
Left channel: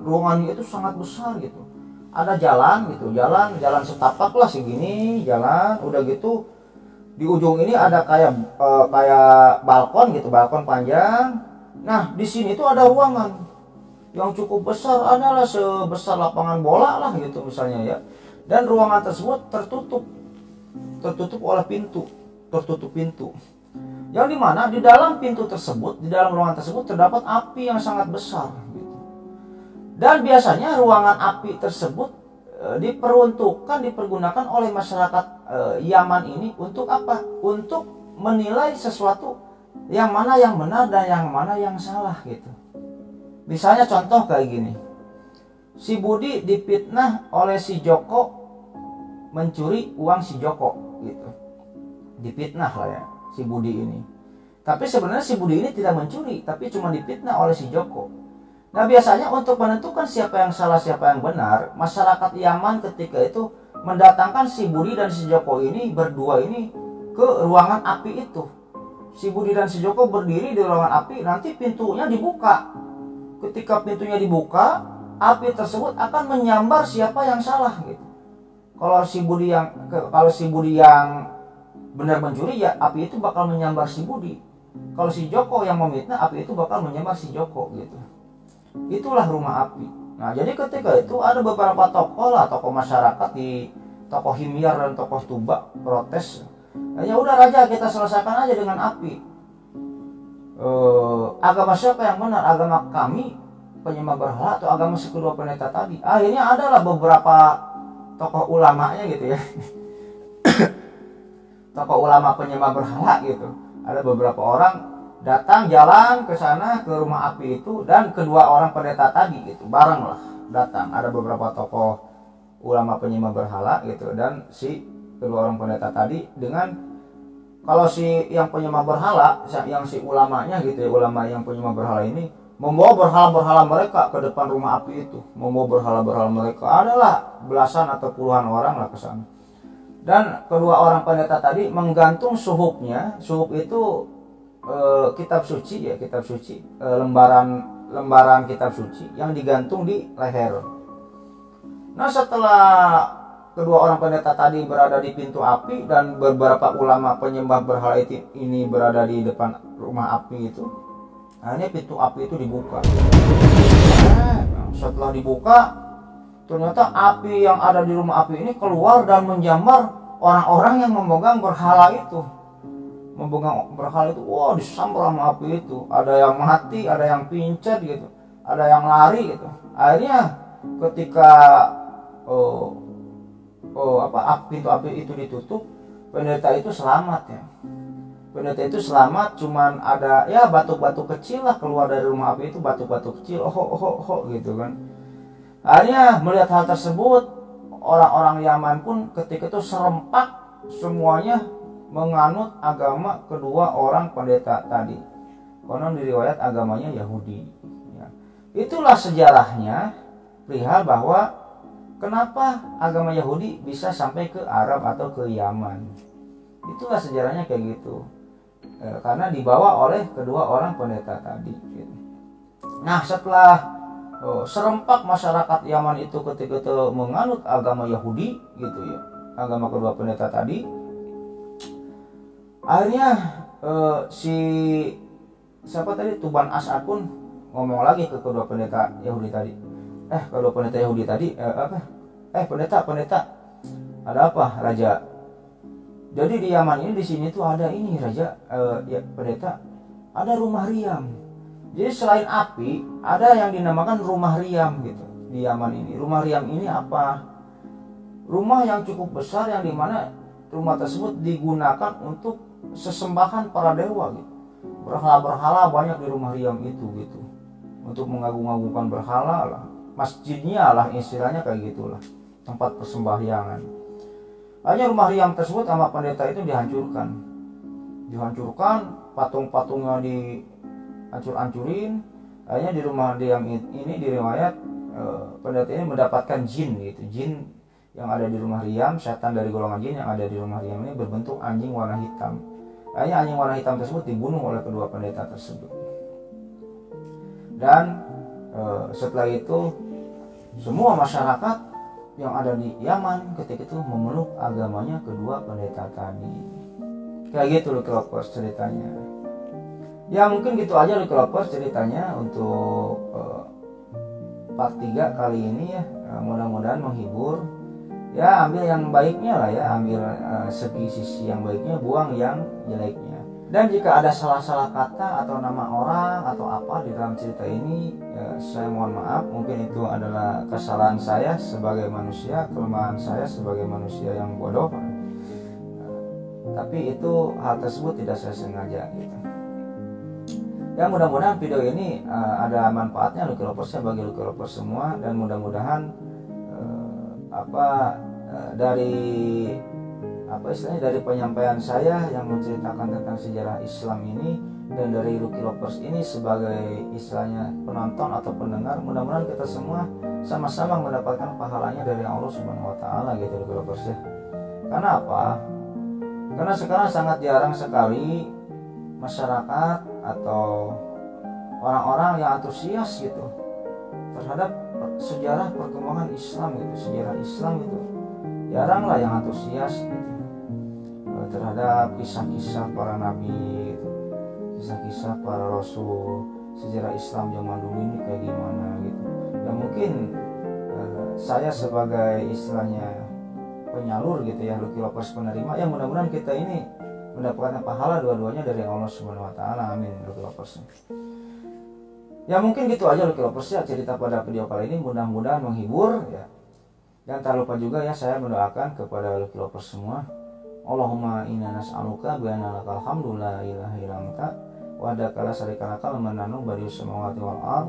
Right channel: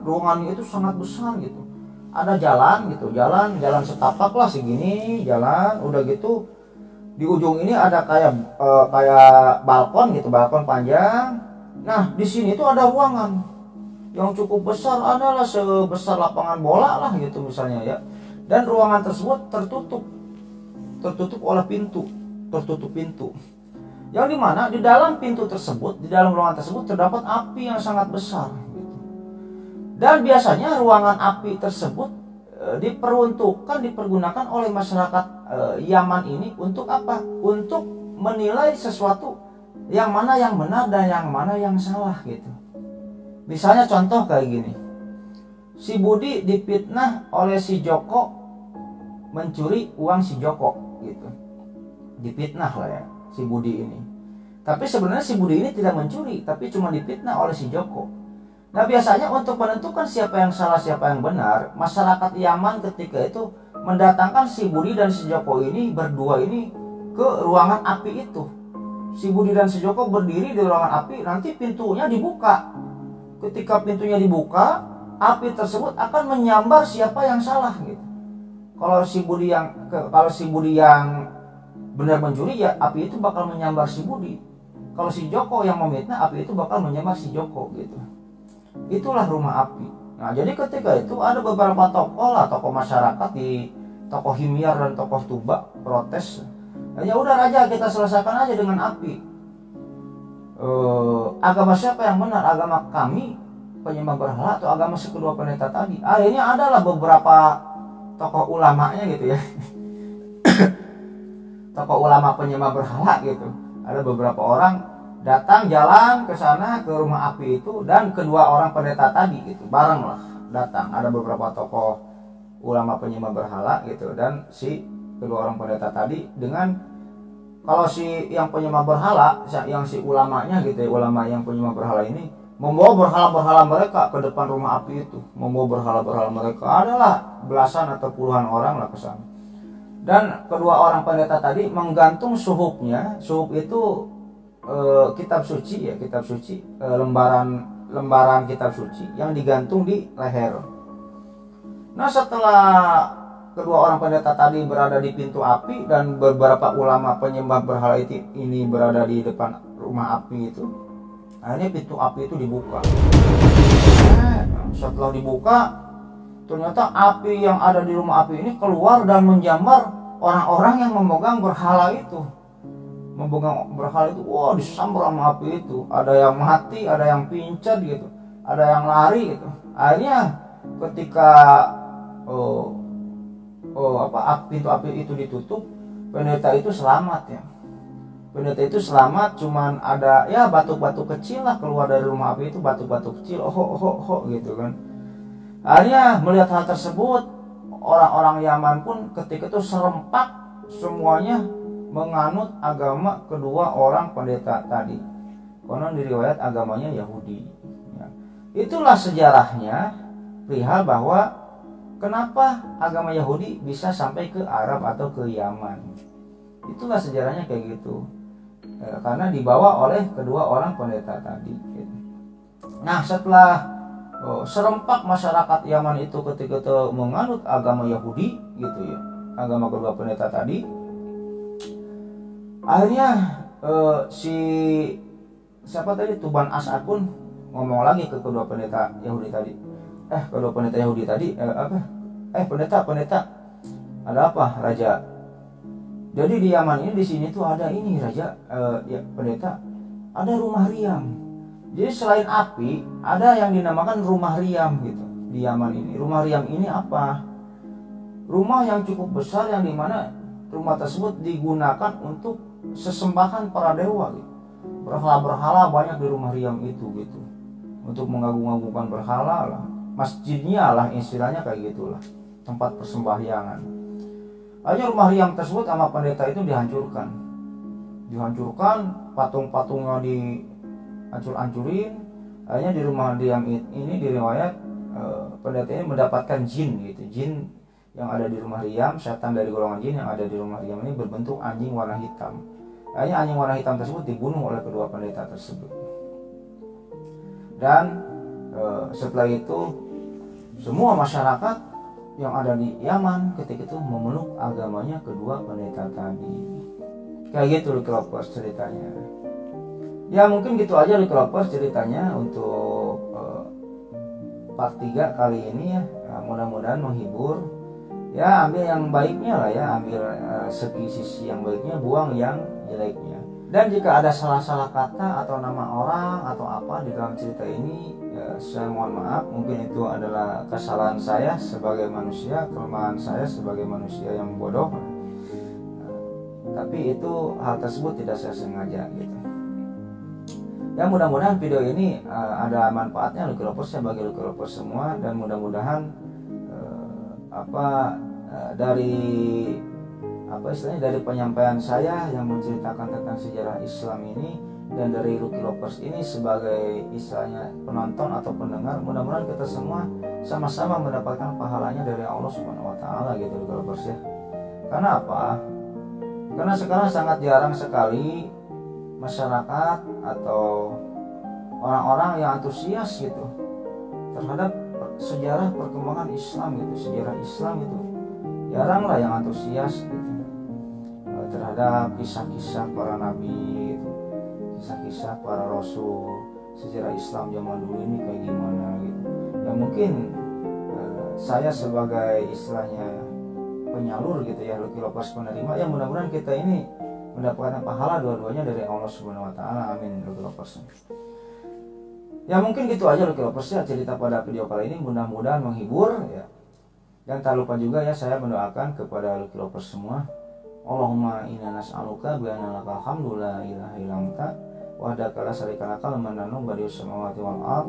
ruangannya itu sangat besar gitu. Ada jalan gitu, jalan setapak lah segini jalan. Udah gitu di ujung ini ada kayak balkon gitu, balkon panjang. Nah di sini tuh ada ruangan yang cukup besar, adalah sebesar lapangan bola lah gitu misalnya ya. Dan ruangan tersebut tertutup oleh tertutup pintu. Yang dimana di dalam pintu tersebut, di dalam ruangan tersebut terdapat api yang sangat besar gitu. Dan biasanya ruangan api tersebut dipergunakan oleh masyarakat Yaman ini untuk apa? Untuk menilai sesuatu yang mana yang benar dan yang mana yang salah gitu. Misalnya contoh kayak gini, si Budi difitnah oleh si Joko mencuri uang si Joko gitu, difitnah lah ya si Budi ini. Tapi sebenarnya si Budi ini tidak mencuri, tapi cuma difitnah oleh si Joko. Nah biasanya untuk menentukan siapa yang salah siapa yang benar, masyarakat Yaman ketika itu mendatangkan si Budi dan si Joko ini berdua ini ke ruangan api itu. Si Budi dan si Joko berdiri di ruangan api, nanti pintunya dibuka. Ketika pintunya dibuka, api tersebut akan menyambar siapa yang salah gitu. Kalau si Budi yang benar mencuri, ya api itu bakal menyambar si Budi. Kalau si Joko yang memfitnah, api itu bakal menyambar si Joko gitu. Itulah rumah api. Nah jadi ketika itu ada beberapa tokoh masyarakat di tokoh Himyar dan tokoh Tuba protes. Nah, ya udah raja, kita selesaikan aja dengan api. Agama siapa yang benar, agama kami penyembah berhala atau agama si kedua pendeta tadi? Akhirnya adalah beberapa tokoh ulamanya gitu ya. Tokoh ulama penyembah berhala gitu. Ada beberapa orang datang jalan ke sana ke rumah api itu, dan kedua orang pendeta tadi gitu bareng lah datang. Ada beberapa tokoh ulama penyembah berhala gitu, dan si kedua orang pendeta tadi dengan, kalau si yang penyembah berhala, yang si ulamanya gitu ya, ulama yang penyembah berhala ini membawa berhala-berhala mereka ke depan rumah api itu. Membawa berhala-berhala mereka, adalah belasan atau puluhan orang lah ke sana. Dan kedua orang pendeta tadi menggantung suhupnya. Suhup itu kitab suci ya, kitab suci, lembaran kitab suci yang digantung di leher. Nah setelah kedua orang pendeta tadi berada di pintu api dan beberapa ulama penyembah berhala ini berada di depan rumah api itu, akhirnya pintu api itu dibuka. Setelah dibuka, ternyata api yang ada di rumah api ini keluar dan menjambar orang-orang yang memegang berhala itu. Memegang berhala itu, wah disambar sama api itu. Ada yang mati, ada yang pincet gitu, ada yang lari gitu. Akhirnya ketika pintu api itu ditutup, pendeta itu selamat ya. Pendeta itu selamat, cuman ada ya batu-batu kecil lah keluar dari rumah api itu, batu-batu kecil, gitu kan. Akhirnya melihat hal tersebut, orang-orang Yaman pun ketika itu serempak semuanya menganut agama kedua orang pendeta tadi. Konon di riwayat agamanya Yahudi. Ya. Itulah sejarahnya perihal bahwa kenapa agama Yahudi bisa sampai ke Arab atau ke Yaman. Itulah sejarahnya kayak gitu. Karena dibawa oleh kedua orang pendeta tadi. Nah setelah serempak masyarakat Yaman itu ketika itu menganut agama Yahudi gitu ya, agama kedua pendeta tadi, akhirnya siapa tadi, Tuban As'ad pun ngomong lagi ke kedua pendeta Yahudi tadi. Kedua pendeta Yahudi tadi pendeta, ada apa raja? Jadi di Yaman ini, di sini tuh ada ini raja, ya pendeta, ada rumah riam. Jadi selain api, ada yang dinamakan rumah riam gitu di Yaman ini. Rumah riam ini apa? Rumah yang cukup besar, yang dimana rumah tersebut digunakan untuk sesembahan para dewa gitu. Berhala-berhala banyak di rumah riam itu gitu, untuk mengagung-agungkan berhala lah. Masjidnya lah istilahnya kayak gitulah, tempat persembahyangan. Akhirnya rumah riam tersebut sama pendeta itu dihancurkan, patung-patungnya dihancur-hancurin. Akhirnya di rumah riam ini diriwayat pendeta ini mendapatkan jin gitu. Jin yang ada di rumah riam, setan dari golongan jin yang ada di rumah riam ini berbentuk anjing warna hitam. Akhirnya anjing warna hitam tersebut dibunuh oleh kedua pendeta tersebut. Dan setelah itu semua masyarakat yang ada di Yaman ketika itu memeluk agamanya kedua pendeta tadi. Kayak gitu Lucky Lovers ceritanya. Ya mungkin gitu aja Lucky Lovers ceritanya untuk part 3 kali ini ya. Mudah-mudahan menghibur. Ya ambil yang baiknya lah ya, ambil sisi yang baiknya, buang yang jeleknya. Dan jika ada salah-salah kata atau nama orang atau apa di dalam cerita ini, ya, saya mohon maaf. Mungkin itu adalah kesalahan saya sebagai manusia, kelemahan saya sebagai manusia yang bodoh. Tapi itu hal tersebut tidak saya sengaja gitu. Ya mudah-mudahan video ini ada manfaatnya Lucky Lovers bagi Lucky Lovers semua, dan mudah-mudahan dari penyampaian saya yang menceritakan tentang sejarah Islam ini dan dari Lucky Lovers ini sebagai istilahnya penonton atau pendengar, mudah-mudahan kita semua sama-sama mendapatkan pahalanya dari Allah Subhanahu wa taala gitu Lucky Lovers ya. Karena apa? Karena sekarang sangat jarang sekali masyarakat atau orang-orang yang antusias gitu terhadap sejarah perkembangan Islam gitu, sejarah Islam itu jarang lah yang antusias gitu terhadap kisah-kisah para nabi gitu, kisah-kisah para rasul, sejarah Islam zaman dulu ini kayak gimana gitu. Ya mungkin saya sebagai istilahnya penyalur gitu ya, Lucky Lovers penerima, ya mudah-mudahan kita ini mendapatkan pahala dua-duanya dari Allah Subhanahu wa taala. Amin Lucky Lovers. Ya mungkin gitu aja Lucky Lovers ya cerita pada video kali ini, mudah-mudahan menghibur ya. Dan tak lupa juga ya saya mendoakan kepada Lucky Lovers semua, Allahumma inna nas'aluka bi anna lakal hamdu la ilaha illa anta wahdaka la syarika lakal mananu badius samawati wal ard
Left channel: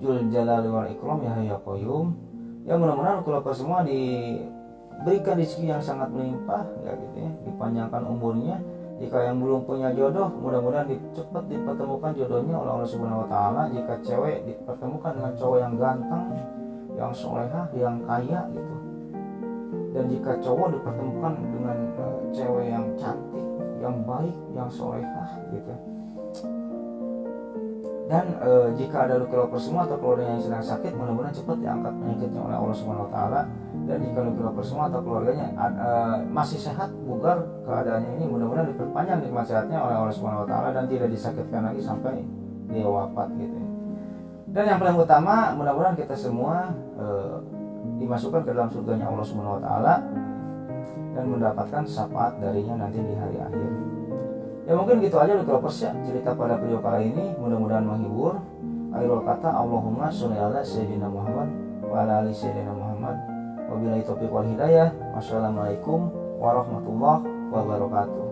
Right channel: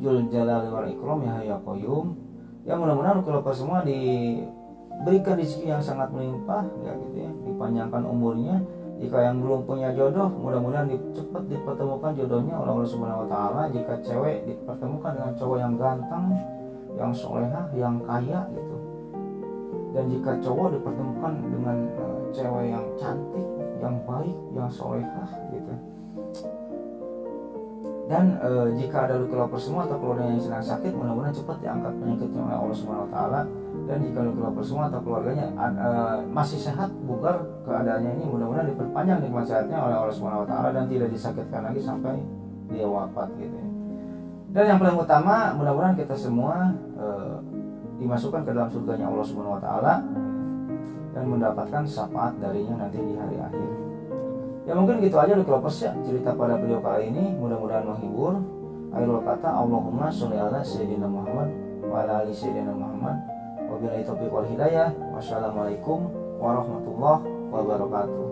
jul jalali wal ikram ya hayyu ya qayyum. Ya mudah-mudahan Lucky Lovers semua diberikan rezeki yang sangat melimpah ya gitu ya, dipanjangkan umurnya. Jika yang belum punya jodoh, mudah-mudahan cepat dipertemukan jodohnya oleh Allah Subhanahu wa taala. Jika cewek dipertemukan dengan cowok yang ganteng, yang solehah, yang kaya gitu. Dan jika cowok dipertemukan dengan cewek yang cantik, yang baik, yang solehah gitu. Dan jika ada Lucky Lovers semua atau keluarganya yang sedang sakit, mudah-mudahan cepat diangkat penyakitnya oleh Allah Subhanahu wa taala. Dan jika Lucky Lovers semua atau keluarganya masih sehat, bugar keadaannya ini, mudah-mudahan diperpanjang nikmat sehatnya oleh Allah Subhanahu wa taala dan tidak disakitkan lagi sampai dia wafat gitu ya. Dan yang paling utama, mudah-mudahan kita semua dimasukkan ke dalam surganya Allah Subhanahu wa taala dan mendapatkan syafaat darinya nanti di hari akhir. Ya mungkin gitu aja Lucky Lovers ya cerita pada video kali ini, mudah-mudahan menghibur. Akhirul kata, Allahumma sholli ala sayyidina Muhammad wa ala ali sayyidina Muhammad. Wabillahi taufiq wal hidayah. Wassalamualaikum warahmatullahi wabarakatuh.